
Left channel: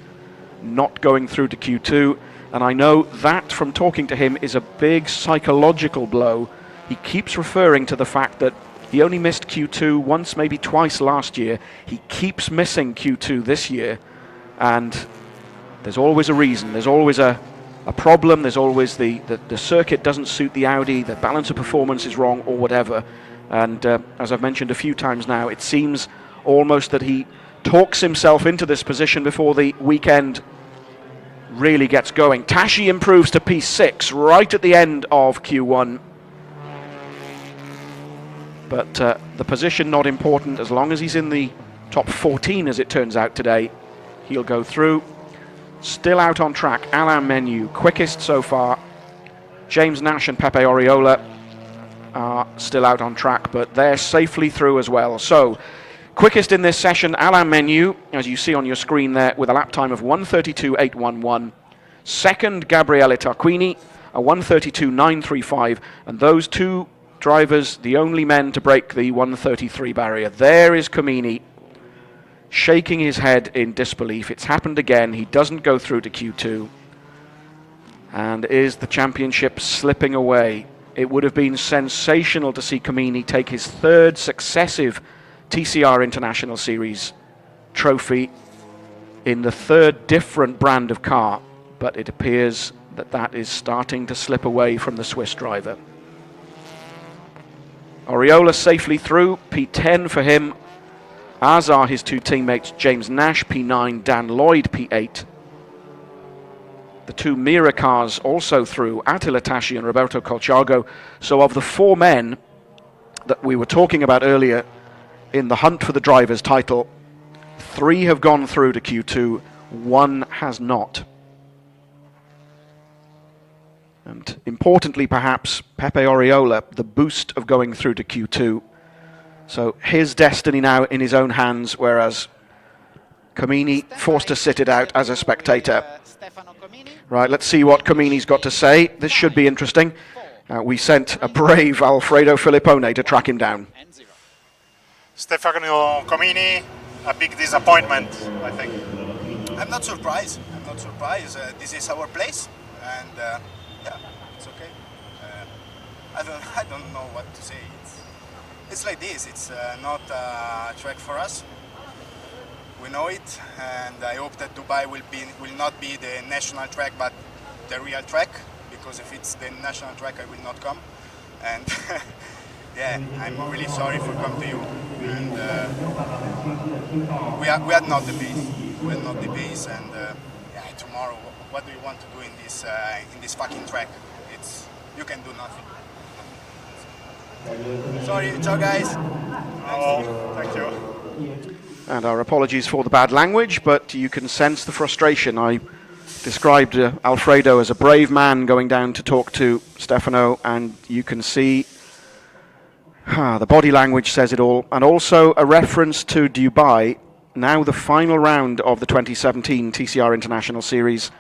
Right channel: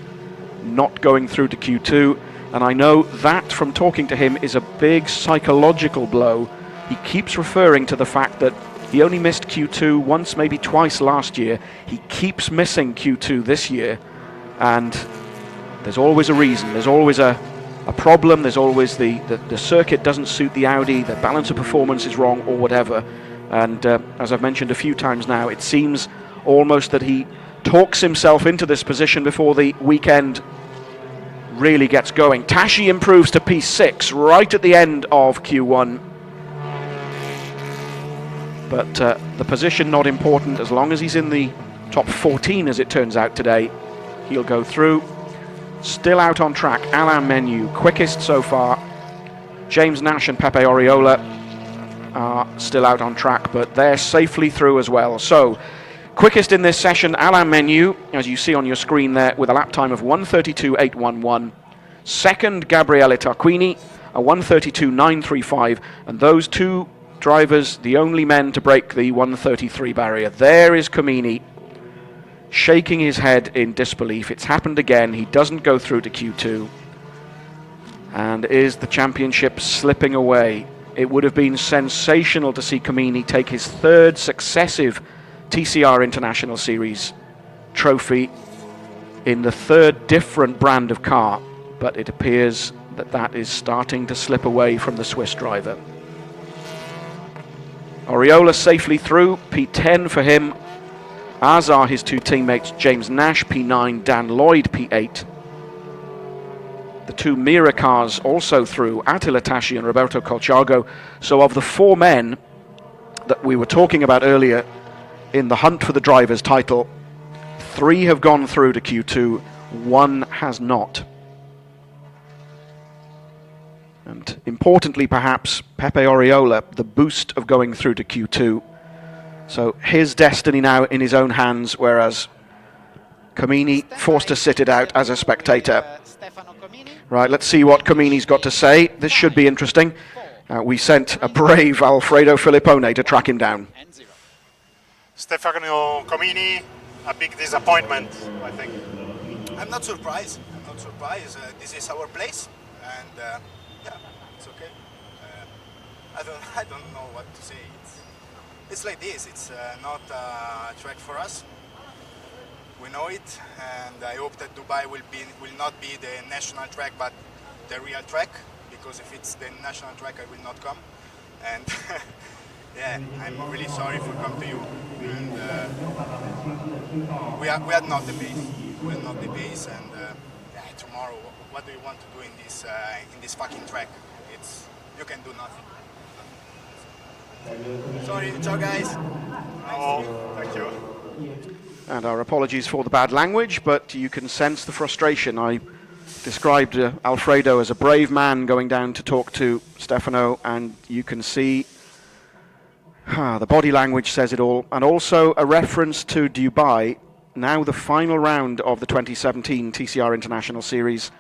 not going through to Q2. And I know that from talking to him is a big psychological blow. He keeps referring to the fact that he only missed Q2 once, maybe twice last year. He keeps missing Q2 this year, and there's always a reason, there's always a problem, there's always the circuit doesn't suit the Audi, the balance of performance is wrong or whatever. And as I've mentioned a few times now, it seems almost that he talks himself into this position before the weekend really gets going. Tashi improves to P6 right at the end of Q1. But the position not important, as long as he's in the top 14 as it turns out today, he'll go through. Still out on track, Alain Menu, quickest so far. James Nash and Pepe Oriola are still out on track, but they're safely through as well. So, quickest in this session, Alain Menu, as you see on your screen there, with a lap time of 1:32.811. Second, Gabriele Tarquini, a 1:32.935, and those two drivers, the only men to break the 1:33 barrier. There is Comini, shaking his head in disbelief. It's happened again. He doesn't go through to Q2. And is the championship slipping away? It would have been sensational to see Comini take his third successive TCR International Series trophy in the third different brand of car, but it appears that that is starting to slip away from the Swiss driver. Oriola safely through, P10 for him, as are his two teammates James Nash P9, Dan Lloyd P8. The two Mira cars also through, Attila Tashi and Roberto Colciago. So of the four men that we were talking about earlier in the hunt for the driver's title, three have gone through to Q2, one has not. And importantly perhaps, Pepe Oriola, the boost of going through to Q2. So his destiny now in his own hands, whereas Comini forced to sit it out as a spectator. Right, let's see what Comini's got to say. This should be interesting. We sent a brave Alfredo Filippone to track him down. Stefano Comini, a big disappointment, I think. I'm not surprised. This is our place, and yeah, it's okay. I don't know what to say. It's like this. It's not a track for us. We know it, and I hope that Dubai will not be the national track, but the real track. Because if it's the national track, I will not come. And yeah, I'm really sorry for coming to you. And we are not the base. We are not the base. And yeah, tomorrow, what do you want to do in this fucking track? You can do nothing. Sorry, ciao guys. Oh, thank you. And our apologies for the bad language, but you can sense the frustration. I described Alfredo as a brave man going down to talk to Stefano, and you can see the body language says it all. And also a reference to Dubai, now the final round of the 2017 TCR International Series.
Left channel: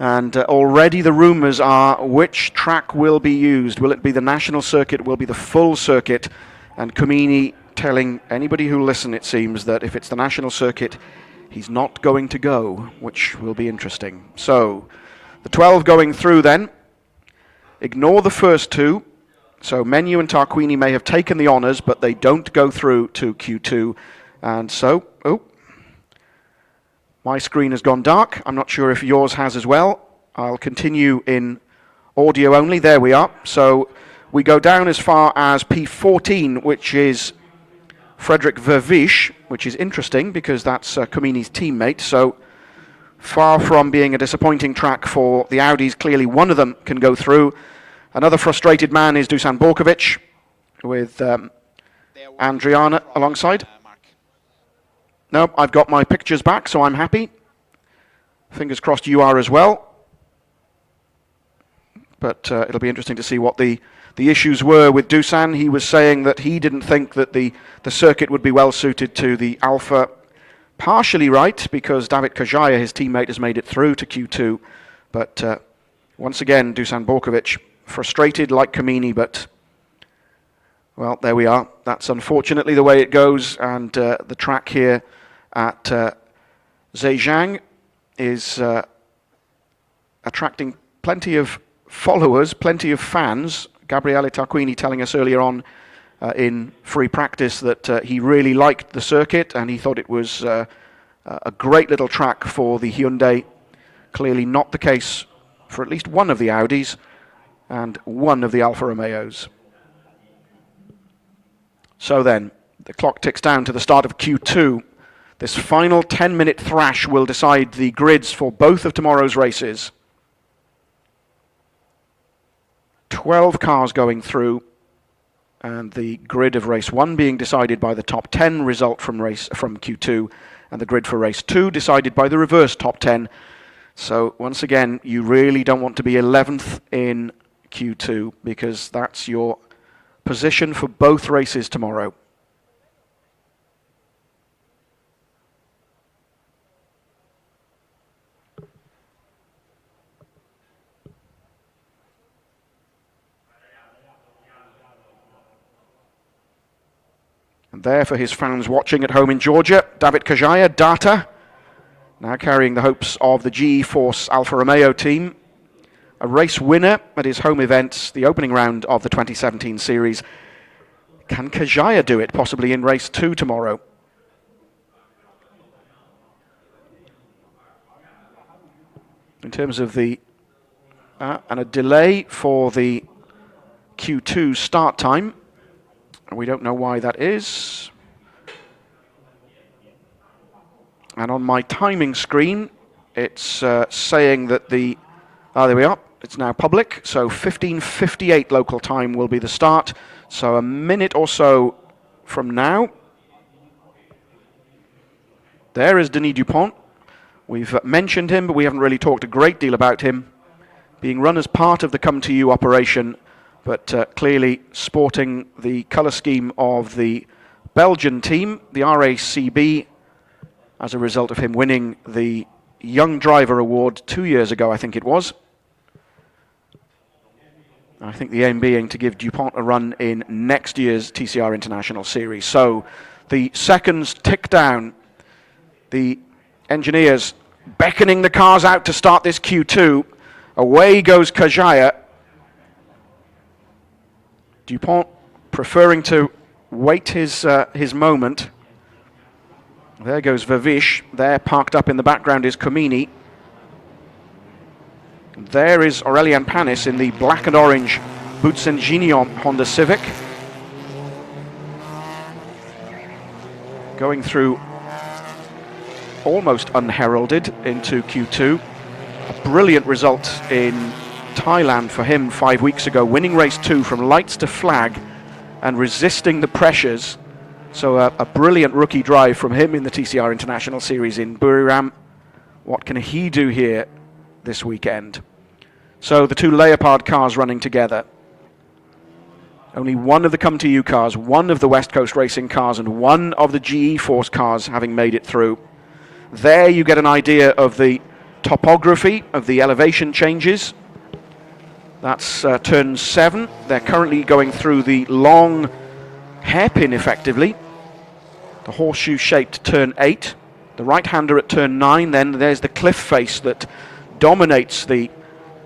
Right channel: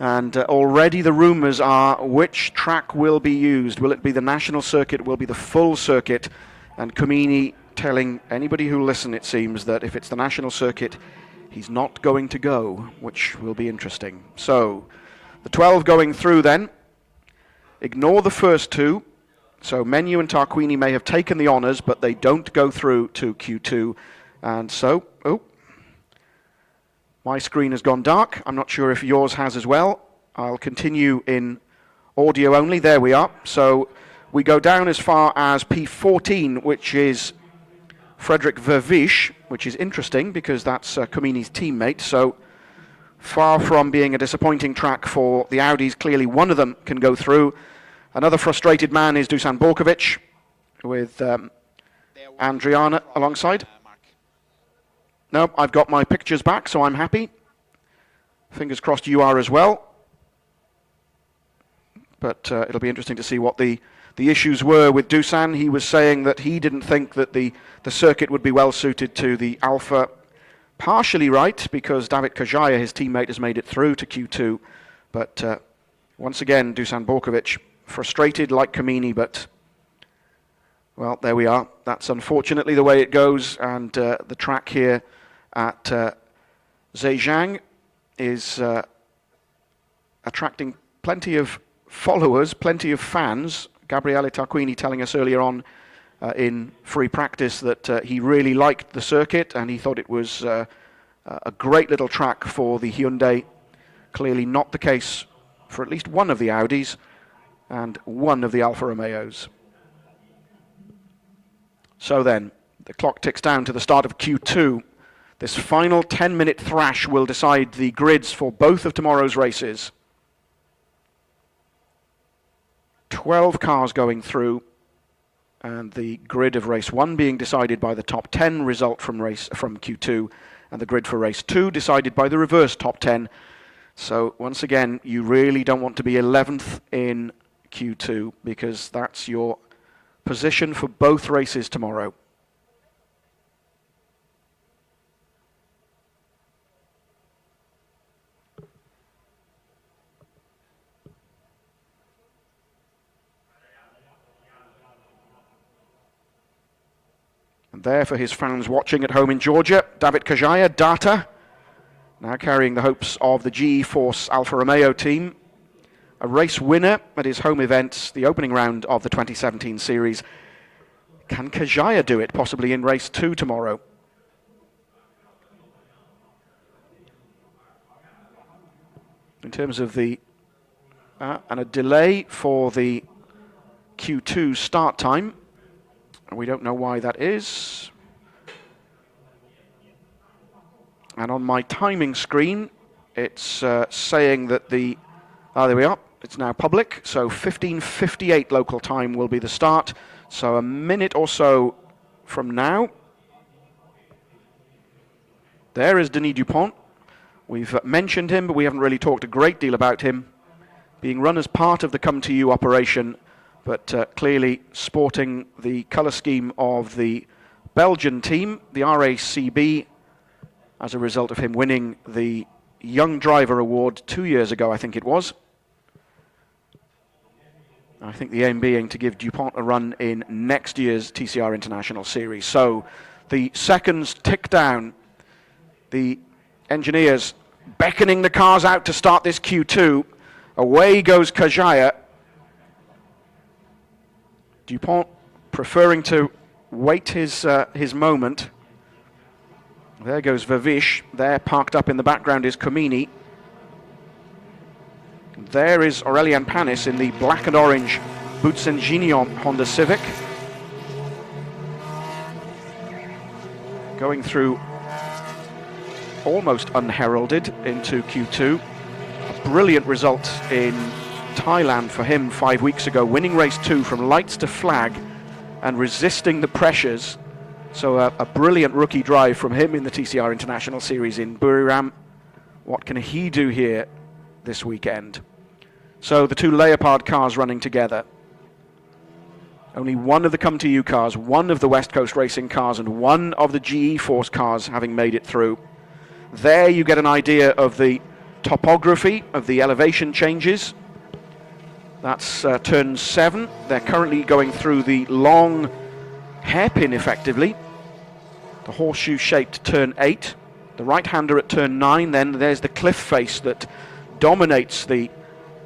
And already the rumours are which track will be used. Will it be the national circuit? Will it be the full circuit? And Comini telling anybody who listen, it seems, that if it's the national circuit, he's not going to go, which will be interesting. So, the 12 going through then. Ignore the first two. So, Menu and Tarquini may have taken the honours, but they don't go through to Q2. And so, my screen has gone dark. I'm not sure if yours has as well. I'll continue in audio only. There we are. So we go down as far as P14, which is Frederick Vervisch, which is interesting because that's Comini's teammate. So far from being a disappointing track for the Audis, clearly one of them can go through. Another frustrated man is Dusan Borkovic with Andriana alongside. No, I've got my pictures back, so I'm happy. Fingers crossed you are as well. But it'll be interesting to see what the issues were with Dusan. He was saying that he didn't think that the circuit would be well suited to the Alpha. Partially right, because David Kajaya, his teammate, has made it through to Q2. But once again, Dusan Borkovic frustrated like Comini, but well, there we are. That's unfortunately the way it goes, and the track here at Zhejiang is attracting plenty of followers, plenty of fans. Gabriele Tarquini telling us earlier on in free practice that he really liked the circuit and he thought it was a great little track for the Hyundai. Clearly not the case for at least one of the Audis and one of the Alfa Romeos. So then, the clock ticks down to the start of Q2. This final 10-minute thrash will decide the grids for both of tomorrow's races. 12 cars going through, and the grid of race 1 being decided by the top 10 result from Q2, and the grid for race 2 decided by the reverse top 10. So once again, you really don't want to be 11th in Q2 because that's your position for both races tomorrow. And there for his fans watching at home in Georgia, David Kajaya, Data, now carrying the hopes of the GE Force Alfa Romeo team. A race winner at his home event, the opening round of the 2017 series. Can Kajaya do it, possibly in race 2 tomorrow? In terms of the... and a delay for the Q2 start time. We don't know why that is. And on my timing screen, it's saying that the... there we are. It's now public. So 15:58 local time will be the start. So a minute or so from now. There is Denis Dupont. We've mentioned him, but we haven't really talked a great deal about him. Being run as part of the Come To You operation, but clearly sporting the colour scheme of the Belgian team, the RACB, as a result of him winning the Young Driver Award 2 years ago, I think it was. I think the aim being to give Dupont a run in next year's TCR International Series. So the seconds tick down. The engineers beckoning the cars out to start this Q2. Away goes Kajaya. Dupont preferring to wait his moment. There goes Vervisch. There, parked up in the background, is Comini. There is Aurélien Panis in the black and orange Boutsen-Gignon Honda Civic. Going through almost unheralded into Q2. A brilliant result in Thailand for him 5 weeks ago, winning race 2 from lights to flag and resisting the pressures. So a brilliant rookie drive from him in the TCR International Series in Buriram. What can he do here this weekend? So the two Leopard cars running together. Only one of the Come To You cars, one of the West Coast Racing cars, and one of the GE Force cars having made it through. There you get an idea of the topography, of the elevation changes. That's turn 7. They're currently going through the long hairpin, effectively. The horseshoe-shaped turn 8. The right-hander at turn 9. Then there's the cliff face that dominates the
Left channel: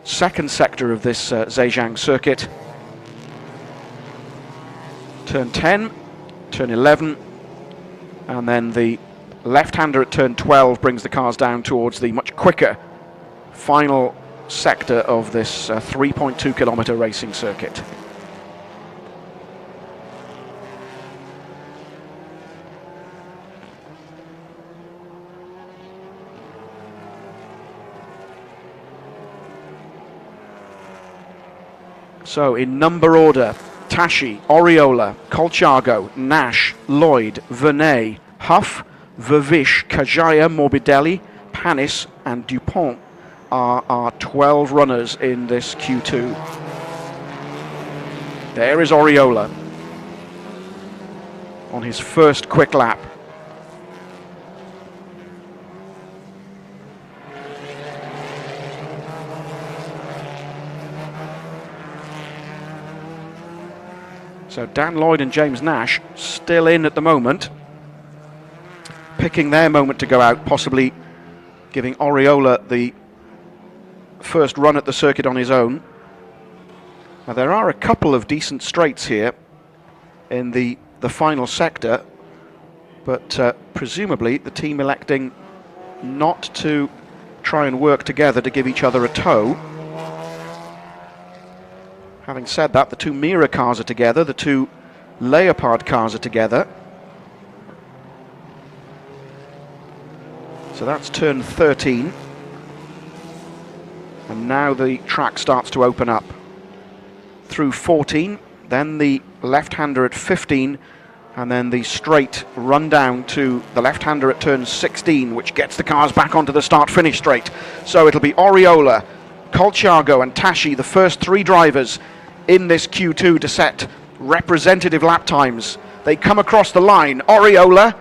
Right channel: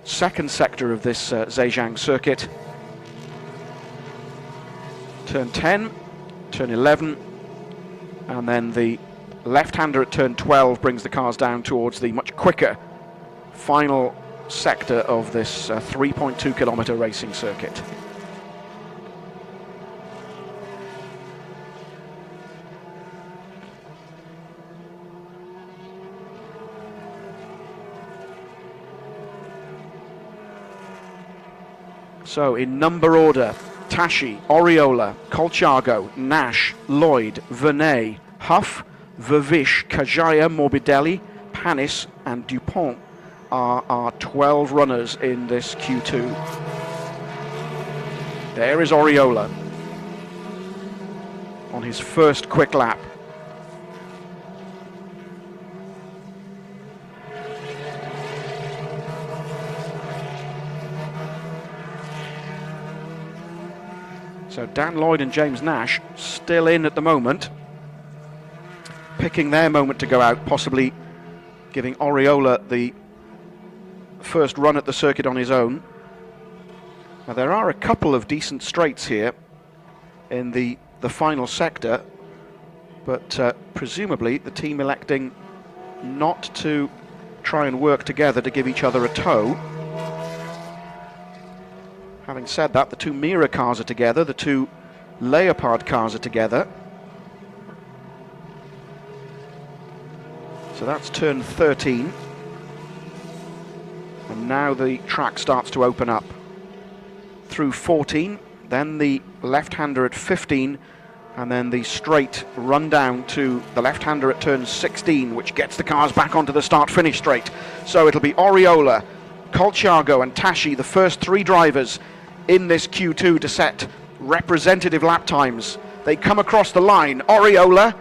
second sector of this Zhejiang circuit. Turn 10, turn 11, and then the left-hander at turn 12 brings the cars down towards the much quicker final sector of this 3.2 kilometer racing circuit. So in number order, Tashi, Oriola, Colciago, Nash, Lloyd, Vernet, Huff, Vervish, Kajaya, Morbidelli, Panis and Dupont are our 12 runners in this Q2. There is Oriola on his first quick lap. So Dan Lloyd and James Nash still in at the moment, picking their moment to go out, possibly giving Oriola the first run at the circuit on his own. Now there are a couple of decent straights here in the final sector, but presumably the team electing not to try and work together to give each other a tow. Having said that, the two Mira cars are together, the two Leopard cars are together. So that's turn 13. And now the track starts to open up. Through 14, then the left-hander at 15, and then the straight run down to the left-hander at turn 16, which gets the cars back onto the start-finish straight. So it'll be Oriola, Colciago and Tashi, the first three drivers in this Q2 to set representative lap times. They come across the line. Oriola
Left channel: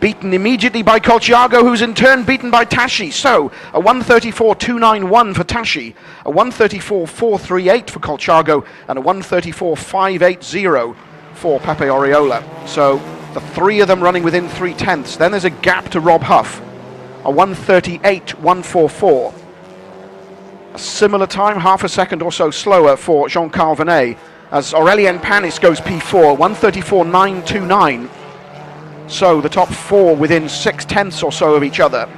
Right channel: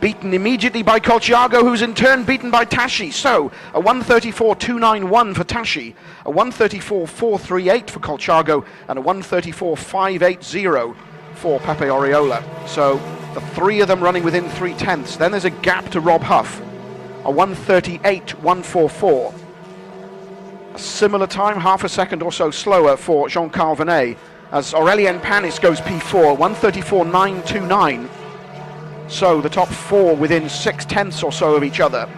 beaten immediately by Colciago, who's in turn beaten by Tashi. So a 1:34.291 for Tashi, a 1:34.438 for Colciago, and a 1:34.580 for Pepe Oriola. So the three of them running within 3/10. Then there's a gap to Rob Huff, a 1:38.144. A similar time, half a second or so slower for Jean-Carl Vernet, as Aurélien Panis goes P4, 1:34.929. So the top four within 6/10 or so of each other.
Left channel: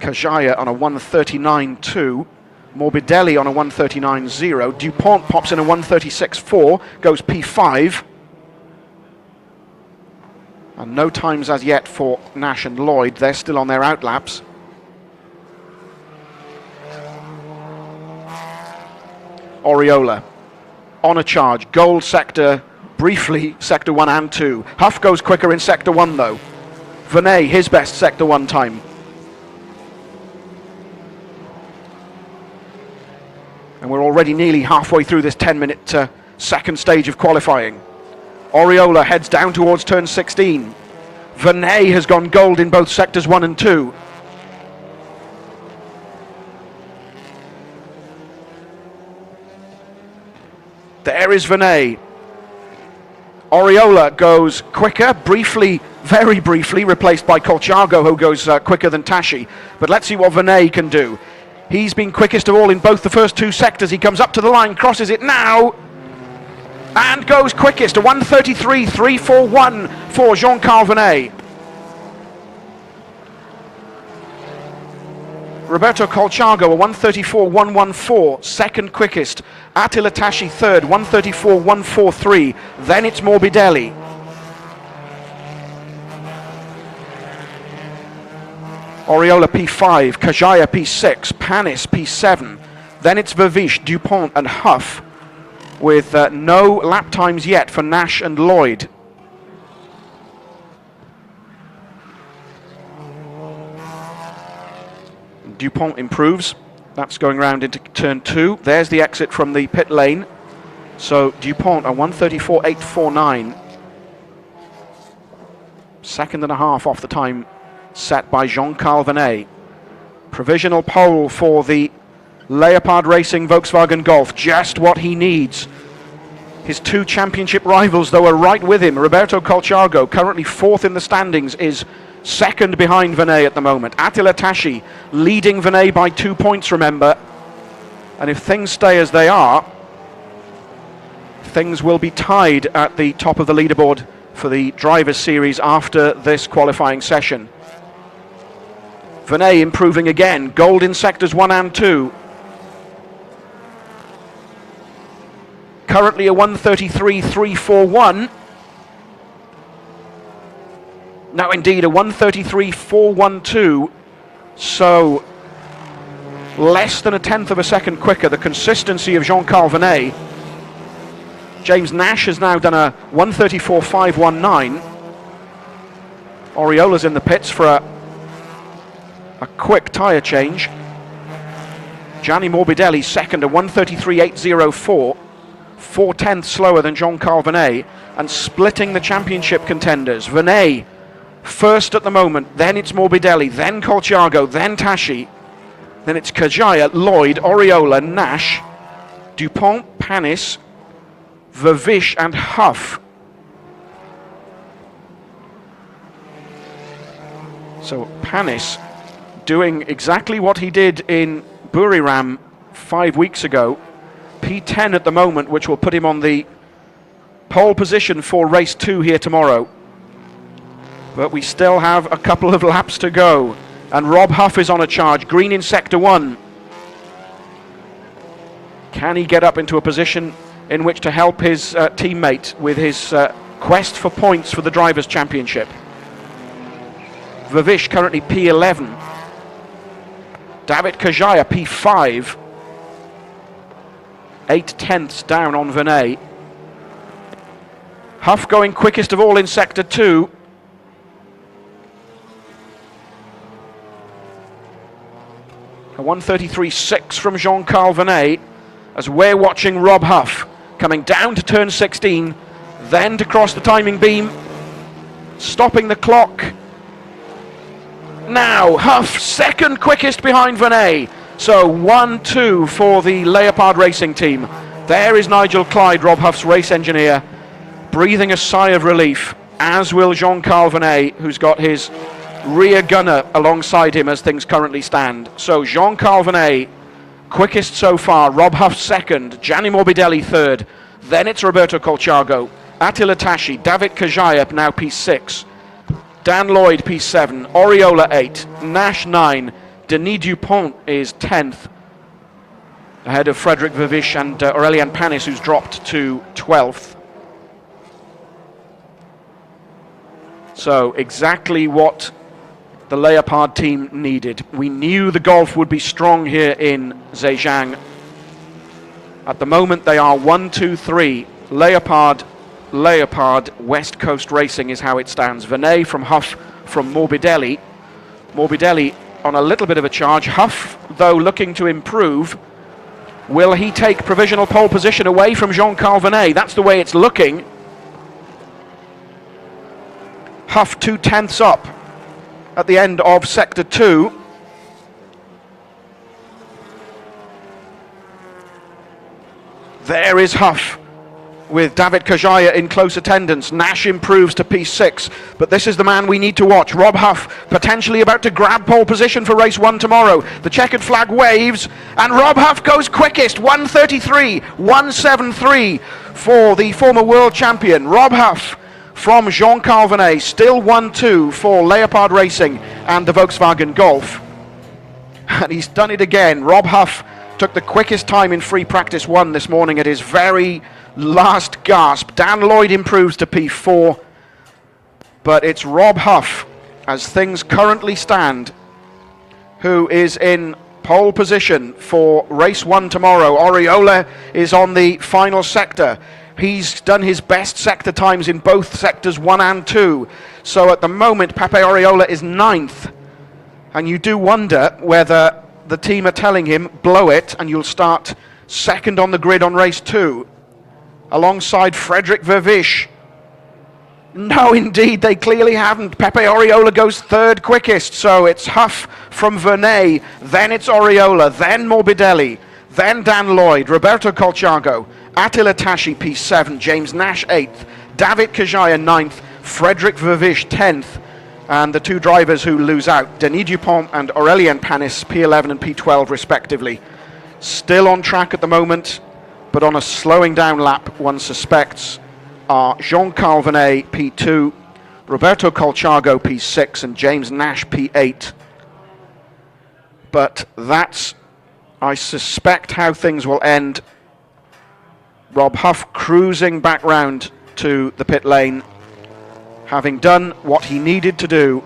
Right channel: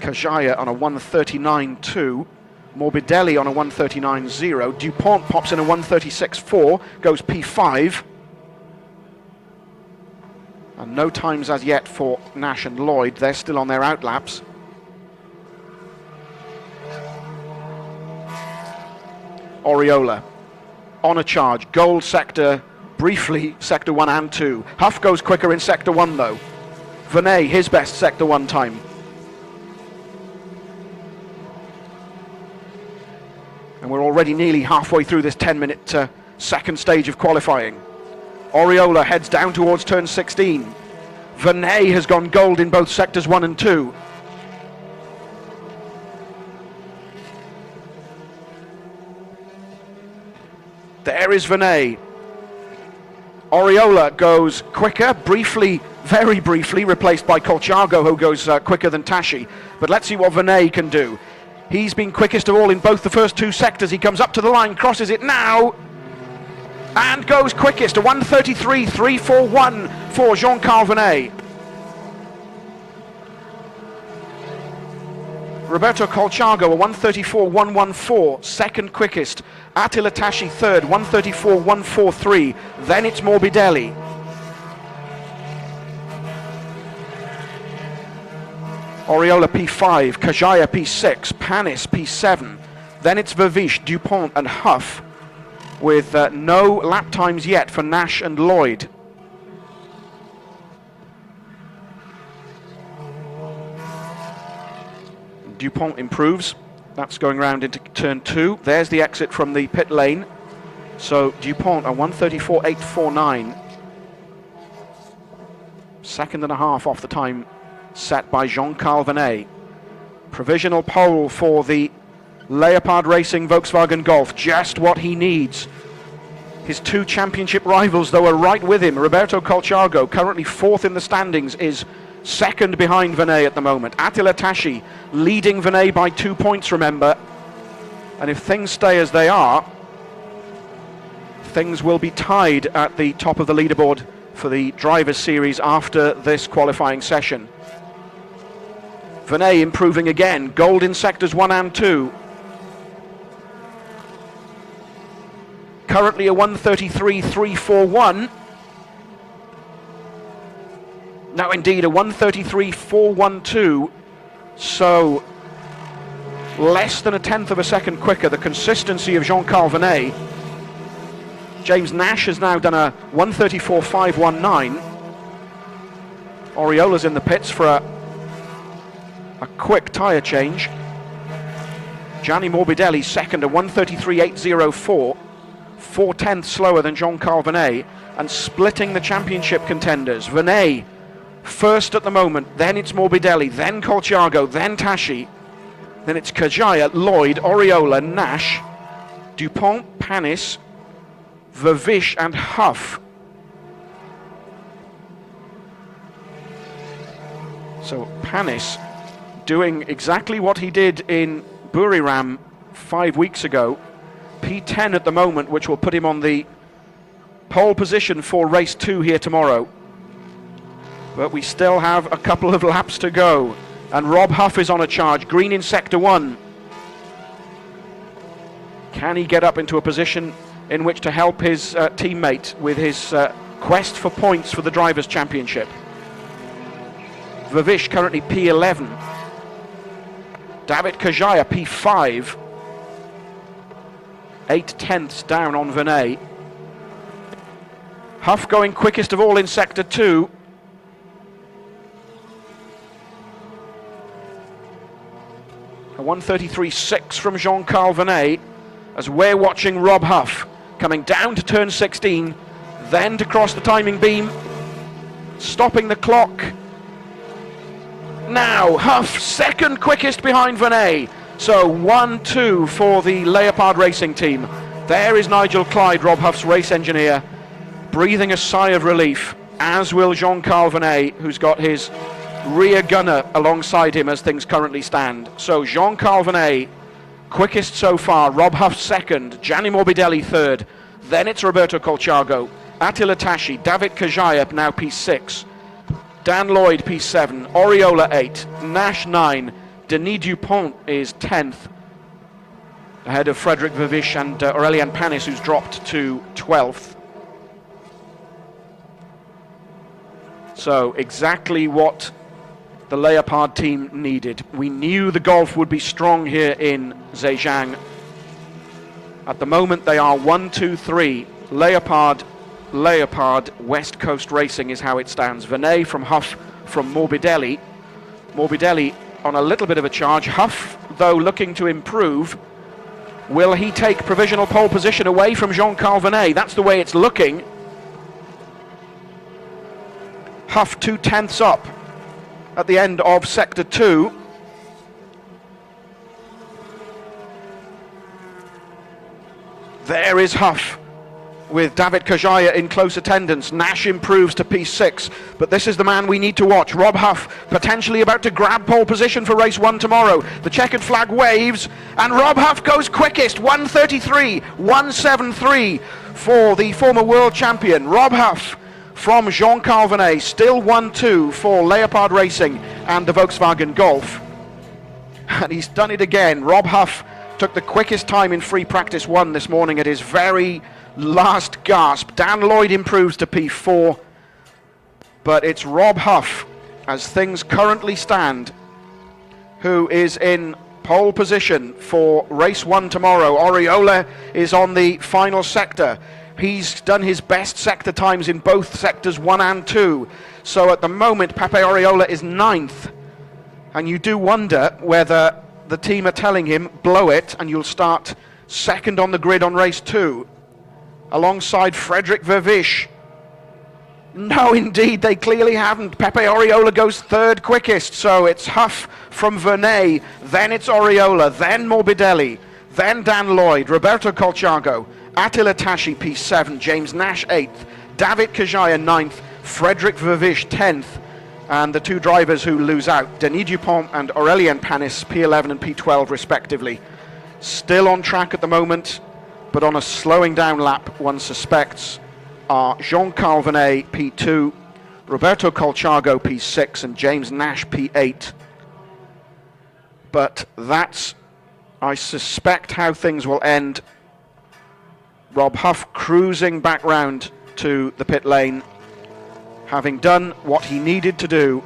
Kajaya on a 1:39.2, Morbidelli on a 1:39.0, Dupont pops in a 1:36.4, goes P5. And no times as yet for Nash and Lloyd, they're still on their outlaps. Oriola on a charge, gold sector, briefly sector 1 and 2. Huff goes quicker in sector 1 though. Vernet, his best sector 1 time. And we're already nearly halfway through this 10-minute second stage of qualifying. Oriola heads down towards turn 16. Vernet has gone gold in both sectors 1 and 2. There is Vernet. Oriola goes quicker, briefly, very briefly, replaced by Colciago, who goes quicker than Tashi. But let's see what Vernet can do. He's been quickest of all in both the first two sectors. He comes up to the line, crosses it now, and goes quickest, a 1:33.341 for Jean-Carl Vernet. Roberto Colciago, a 1:34.114, second quickest. Attila Tashi third, 1:34.143. Then it's Morbidelli. Oriola P5, Kajaya P6, Panis P7. Then it's Vervish, Dupont and Huff, with no lap times yet for Nash and Lloyd. Dupont improves. That's going round into turn 2. There's the exit from the pit lane. So Dupont, a 1:34.849. Second and a half off the time set by Jean-Carl Vernet. Provisional pole for the Leopard Racing Volkswagen Golf. Just what he needs. His two championship rivals, though, are right with him. Roberto Colciago, currently fourth in the standings, is second behind Vernet at the moment. Attila Tashi leading Vernet by 2 points, remember. And if things stay as they are, things will be tied at the top of the leaderboard for the Drivers' Series after this qualifying session. Vernet improving again, gold in sectors 1 and 2. Currently a 1:33.341. Now indeed a 1:33.412, so less than a tenth of a second quicker. The consistency of Jean-Carl Venet. James Nash has now done a 1:34.519. Oriola's in the pits for a quick tyre change. Gianni Morbidelli second, a 1:33.804, 4/10 slower than Jean-Carl Venet, and splitting the championship contenders. Venet first at the moment, then it's Morbidelli, then Colciago, then Tashi, then it's Kajaya, Lloyd, Oriola, Nash, Dupont, Panis, Vervish and Huff. So Panis doing exactly what he did in Buriram 5 weeks ago. P10 at the moment, which will put him on the pole position for race 2 here tomorrow. But we still have a couple of laps to go. And Rob Huff is on a charge. Green in sector 1. Can he get up into a position in which to help his teammate with his quest for points for the Drivers' Championship? Vervish currently P11. David Kajaya P5. 8/10 down on Venet. Huff going quickest of all in sector 2. A 1:33.6 from Jean-Carl Venet, as we're watching Rob Huff coming down to turn 16, then to cross the timing beam, stopping the clock. Now Huff second quickest behind Venet, so 1-2 for the Leopard Racing team. There is Nigel Clyde, Rob Huff's race engineer, breathing a sigh of relief, as will Jean-Carl Venet, who's got his rear gunner alongside him as things currently stand. So Jean-Carl Venet quickest so far, Rob Huff second, Gianni Morbidelli third, then it's Roberto Colciago, Attila Tashi, David Kajaya now P6, Dan Lloyd P7, Oriola 8, Nash 9, Denis Dupont is 10th, ahead of Frederick Vervish and Aurélien Panis, who's dropped to 12th. So exactly what the Leopard team needed. We knew the Golf would be strong here in Zhejiang. At the moment they are 1-2-3. Leopard, West Coast Racing is how it stands. Venet from Huff, from Morbidelli. Morbidelli on a little bit of a charge. Huff, though, looking to improve. Will he take provisional pole position away from Jean-Carl Venet? That's the way it's looking. Huff 2/10 up at the end of sector 2. There is Huff with David Kajaya in close attendance. Nash improves to P6, but this is the man we need to watch. Rob Huff potentially about to grab pole position for race 1 tomorrow. The checkered flag waves, and Rob Huff goes quickest, 1:33.173 for the former world champion. Rob Huff from Jean-Carl Venet, still 1-2 for Leopard Racing and the Volkswagen Golf. And he's done it again. Rob Huff took the quickest time in free practice 1 this morning at his very last gasp. Dan Lloyd improves to P4, but it's Rob Huff, as things currently stand, who is in pole position for race 1 tomorrow. Oriola is on the final sector. He's done his best sector times in both sectors 1 and 2. So at the moment, Pepe Oriola is 9th. And you do wonder whether the team are telling him, blow it, and you'll start second on the grid on race 2, alongside Frederick Vervish. No, indeed, they clearly haven't. Pepe Oriola goes 3rd quickest, so it's Huff from Venet, then it's Oriola, then Morbidelli, then Dan Lloyd, Roberto Colciago, Attila Tashi P7, James Nash 8th, David Kajaya 9th, Frederick Vervish 10th, and the 2 drivers who lose out, Denis Dupont and Aurélien Panis, P11 and P12 respectively. Still on track at the moment, but on a slowing down lap, one suspects, are Jean-Carl Venet P2, Roberto Colciago P6, and James Nash P8. But that's, I suspect, how things will end. Rob Huff cruising back round to the pit lane, having done what he needed to do.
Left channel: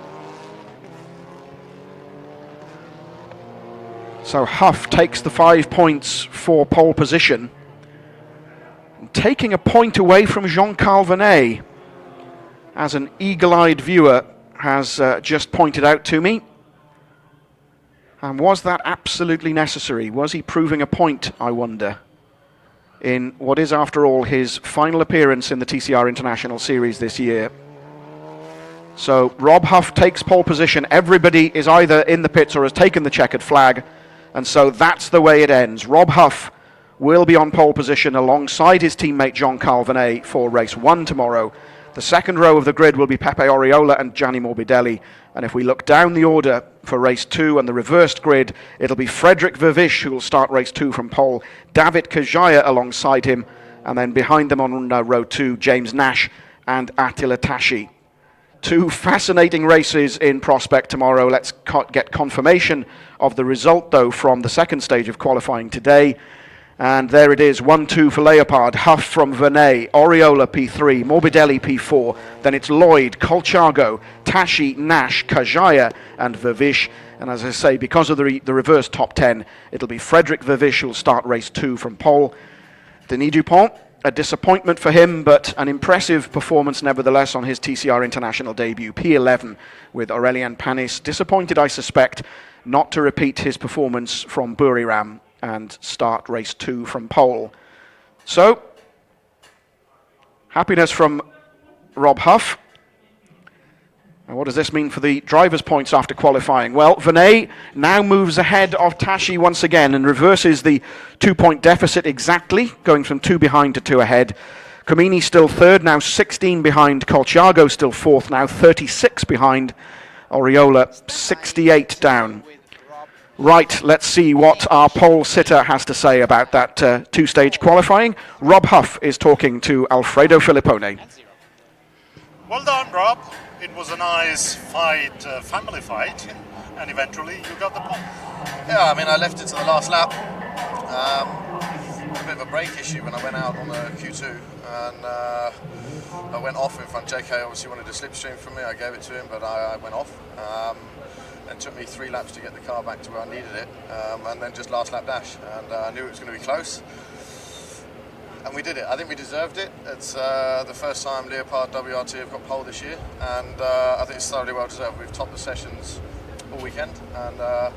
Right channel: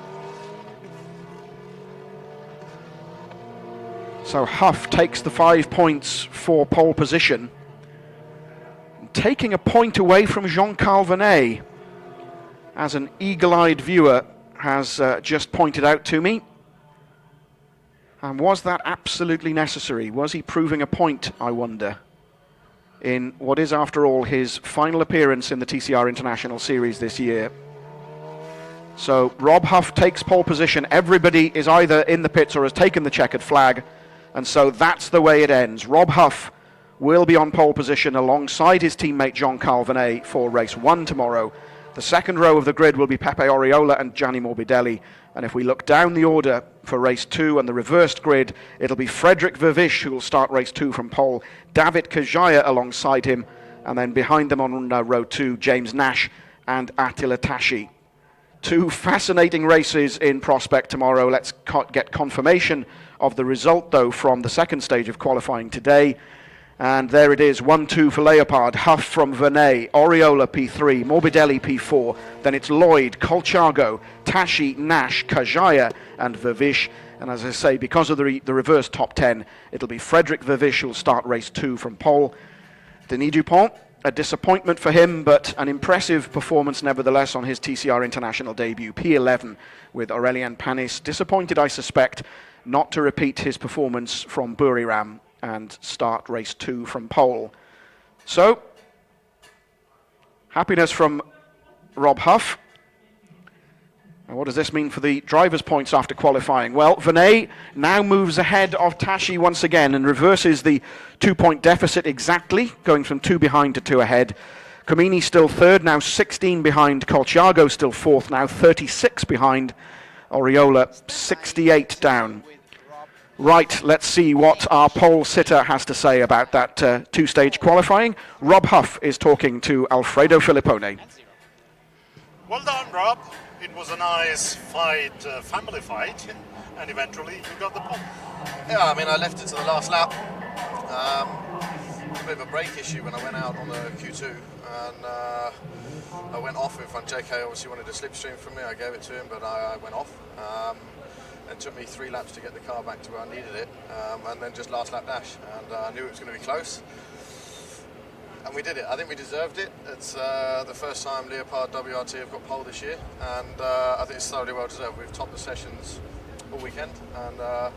So Huff takes the 5 points for pole position, taking a point away from Jean-Carl Vernet, as an eagle-eyed viewer has just pointed out to me. And was that absolutely necessary? Was he proving a point, I wonder, in what is, after all, his final appearance in the TCR International Series this year? So Rob Huff takes pole position. Everybody is either in the pits or has taken the checkered flag. And so that's the way it ends. Rob Huff will be on pole position alongside his teammate Jean-Carl Vernet for race 1 tomorrow. The second row of the grid will be Pepe Oriola and Gianni Morbidelli. And if we look down the order for race 2 and the reversed grid, it'll be Frederick Vervish who will start race 2 from pole, David Kajaya alongside him, and then behind them on row 2, James Nash and Attila Tashi. 2 fascinating races in prospect tomorrow. Let's get confirmation of the result, though, from the second stage of qualifying today. And there it is, 1-2 for Leopard, Huff from Vernet, Oriola P3, Morbidelli P4, then it's Lloyd, Colchago, Tashi, Nash, Kajaya and Vervish. And as I say, because of the reverse top 10, it'll be Frederick Vervish who'll start race 2 from pole. Denis Dupont, a disappointment for him, but an impressive performance nevertheless on his TCR International debut, P11 with Aurélien Panis. Disappointed, I suspect, not to repeat his performance from Buriram and start race 2 from pole. So, happiness from Rob Huff. And what does this mean for the drivers' points after qualifying? Well, Vernet now moves ahead of Tashi once again and reverses the 2-point deficit exactly, going from 2 behind to 2 ahead. Comini still third, now 16 behind. Colchago still fourth, now 36 behind. Oriola 68 down. Right, let's see what our pole sitter has to say about that 2-stage qualifying. Rob Huff is talking to Alfredo Filippone. Well done, Rob. It was a nice fight, family fight, and eventually you got the pole. Yeah, I mean, I left it to the last lap. A bit of a brake issue when I went out on the Q2, and I went off in front. JK obviously wanted a slipstream from me. I gave it to him, but I went off. And took me 3 laps to get the car back to where I needed it, and then just last lap dash. And I knew it was going to be close. And we did it. I think we deserved it. It's the first time Leopard WRT have got pole this year, and I think it's thoroughly well deserved. We've topped the sessions all weekend, and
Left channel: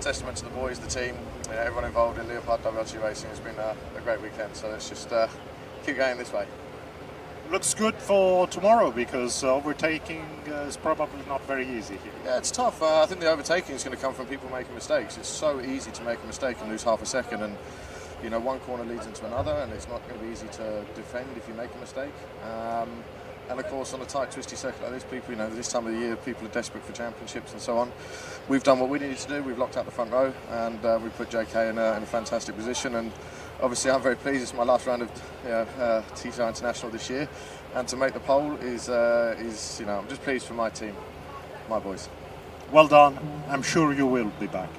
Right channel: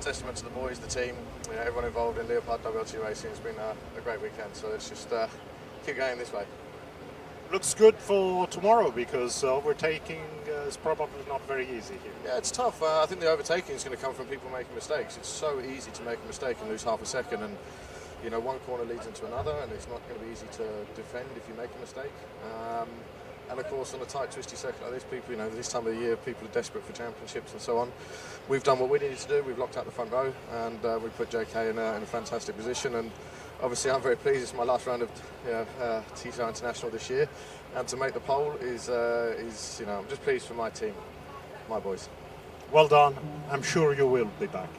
testament to the boys, the team, everyone involved in Leopard WRT racing. It's been a great weekend, so let's just keep going this way. Looks good for tomorrow because overtaking is probably not very easy here. Yeah, it's tough. I think the overtaking is going to come from people making mistakes. It's so easy to make a mistake and lose half a second, and one corner leads into another, and it's not going to be easy to defend if you make a mistake. And of course, on a tight, twisty circuit like this, people, this time of the year, people are desperate for championships and so on. We've done what we needed to do. We've locked out the front row, and we put JK in a fantastic position. And obviously, I'm very pleased. It's my last round of TCR International this year, and to make the pole is I'm just pleased for my team, my boys. Well done. I'm sure you will be back.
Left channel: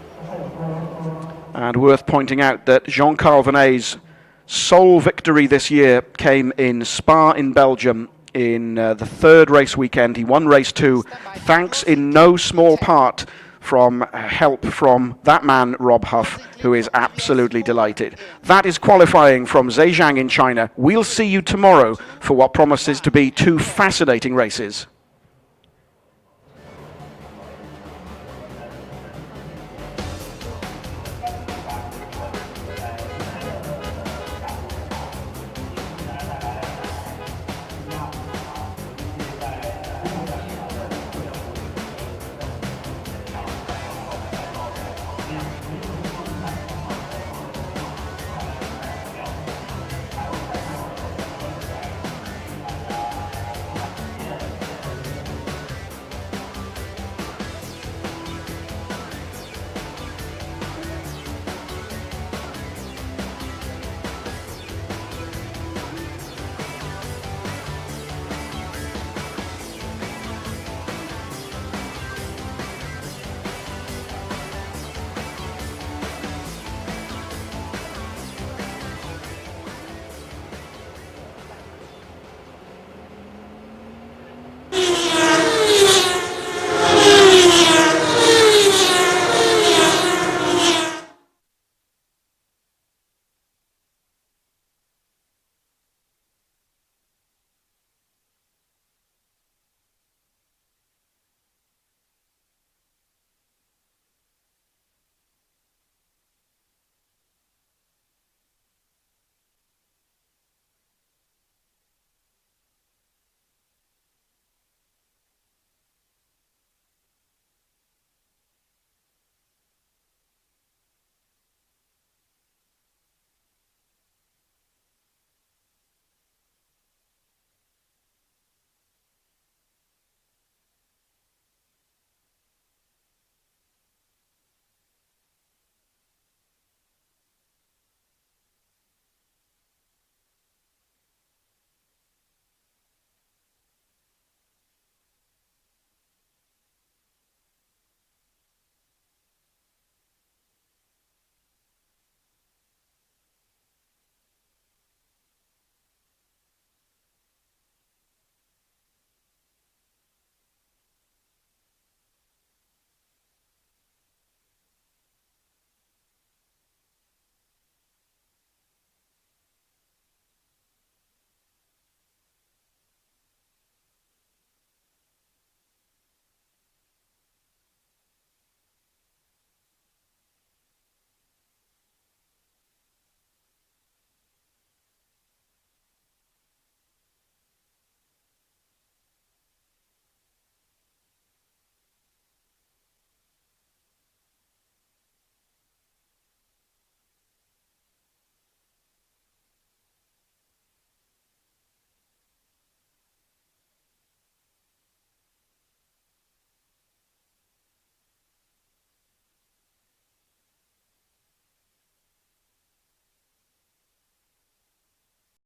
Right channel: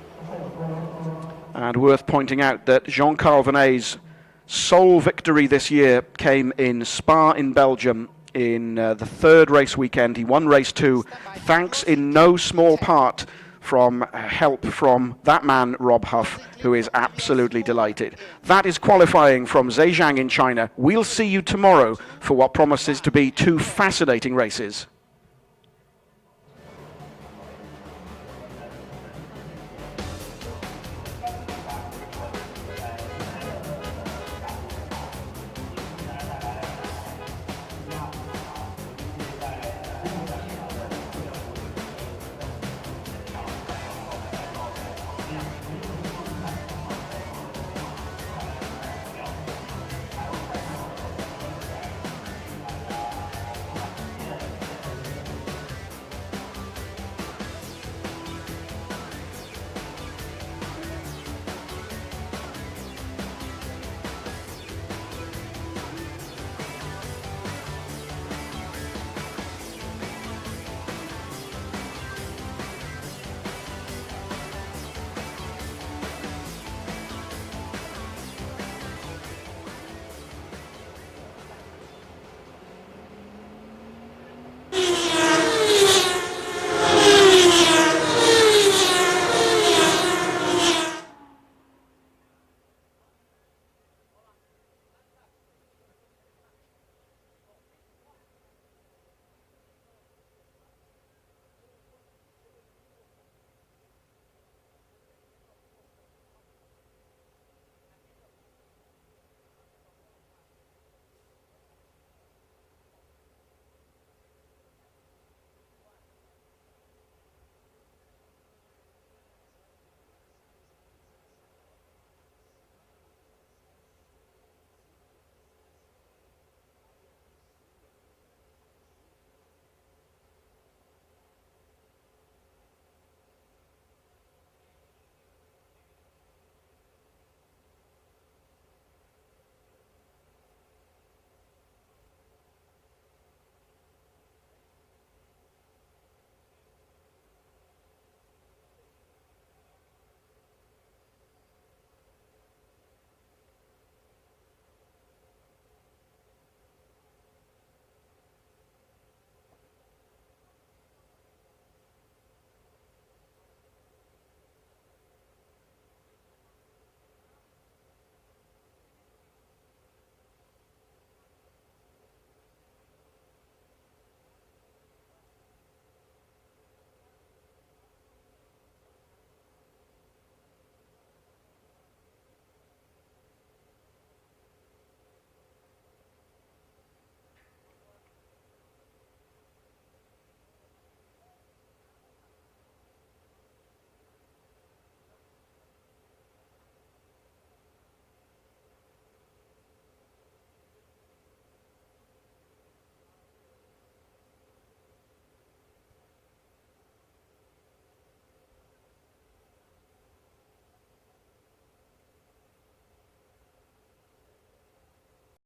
And worth pointing out that Jean-Carl Vernet's sole victory this year came in Spa in Belgium in the 3rd race weekend. He won race 2, thanks in no small part from help from that man, Rob Huff, who is absolutely delighted. That is qualifying from Zhejiang in China. We'll see you tomorrow for what promises to be 2 fascinating races.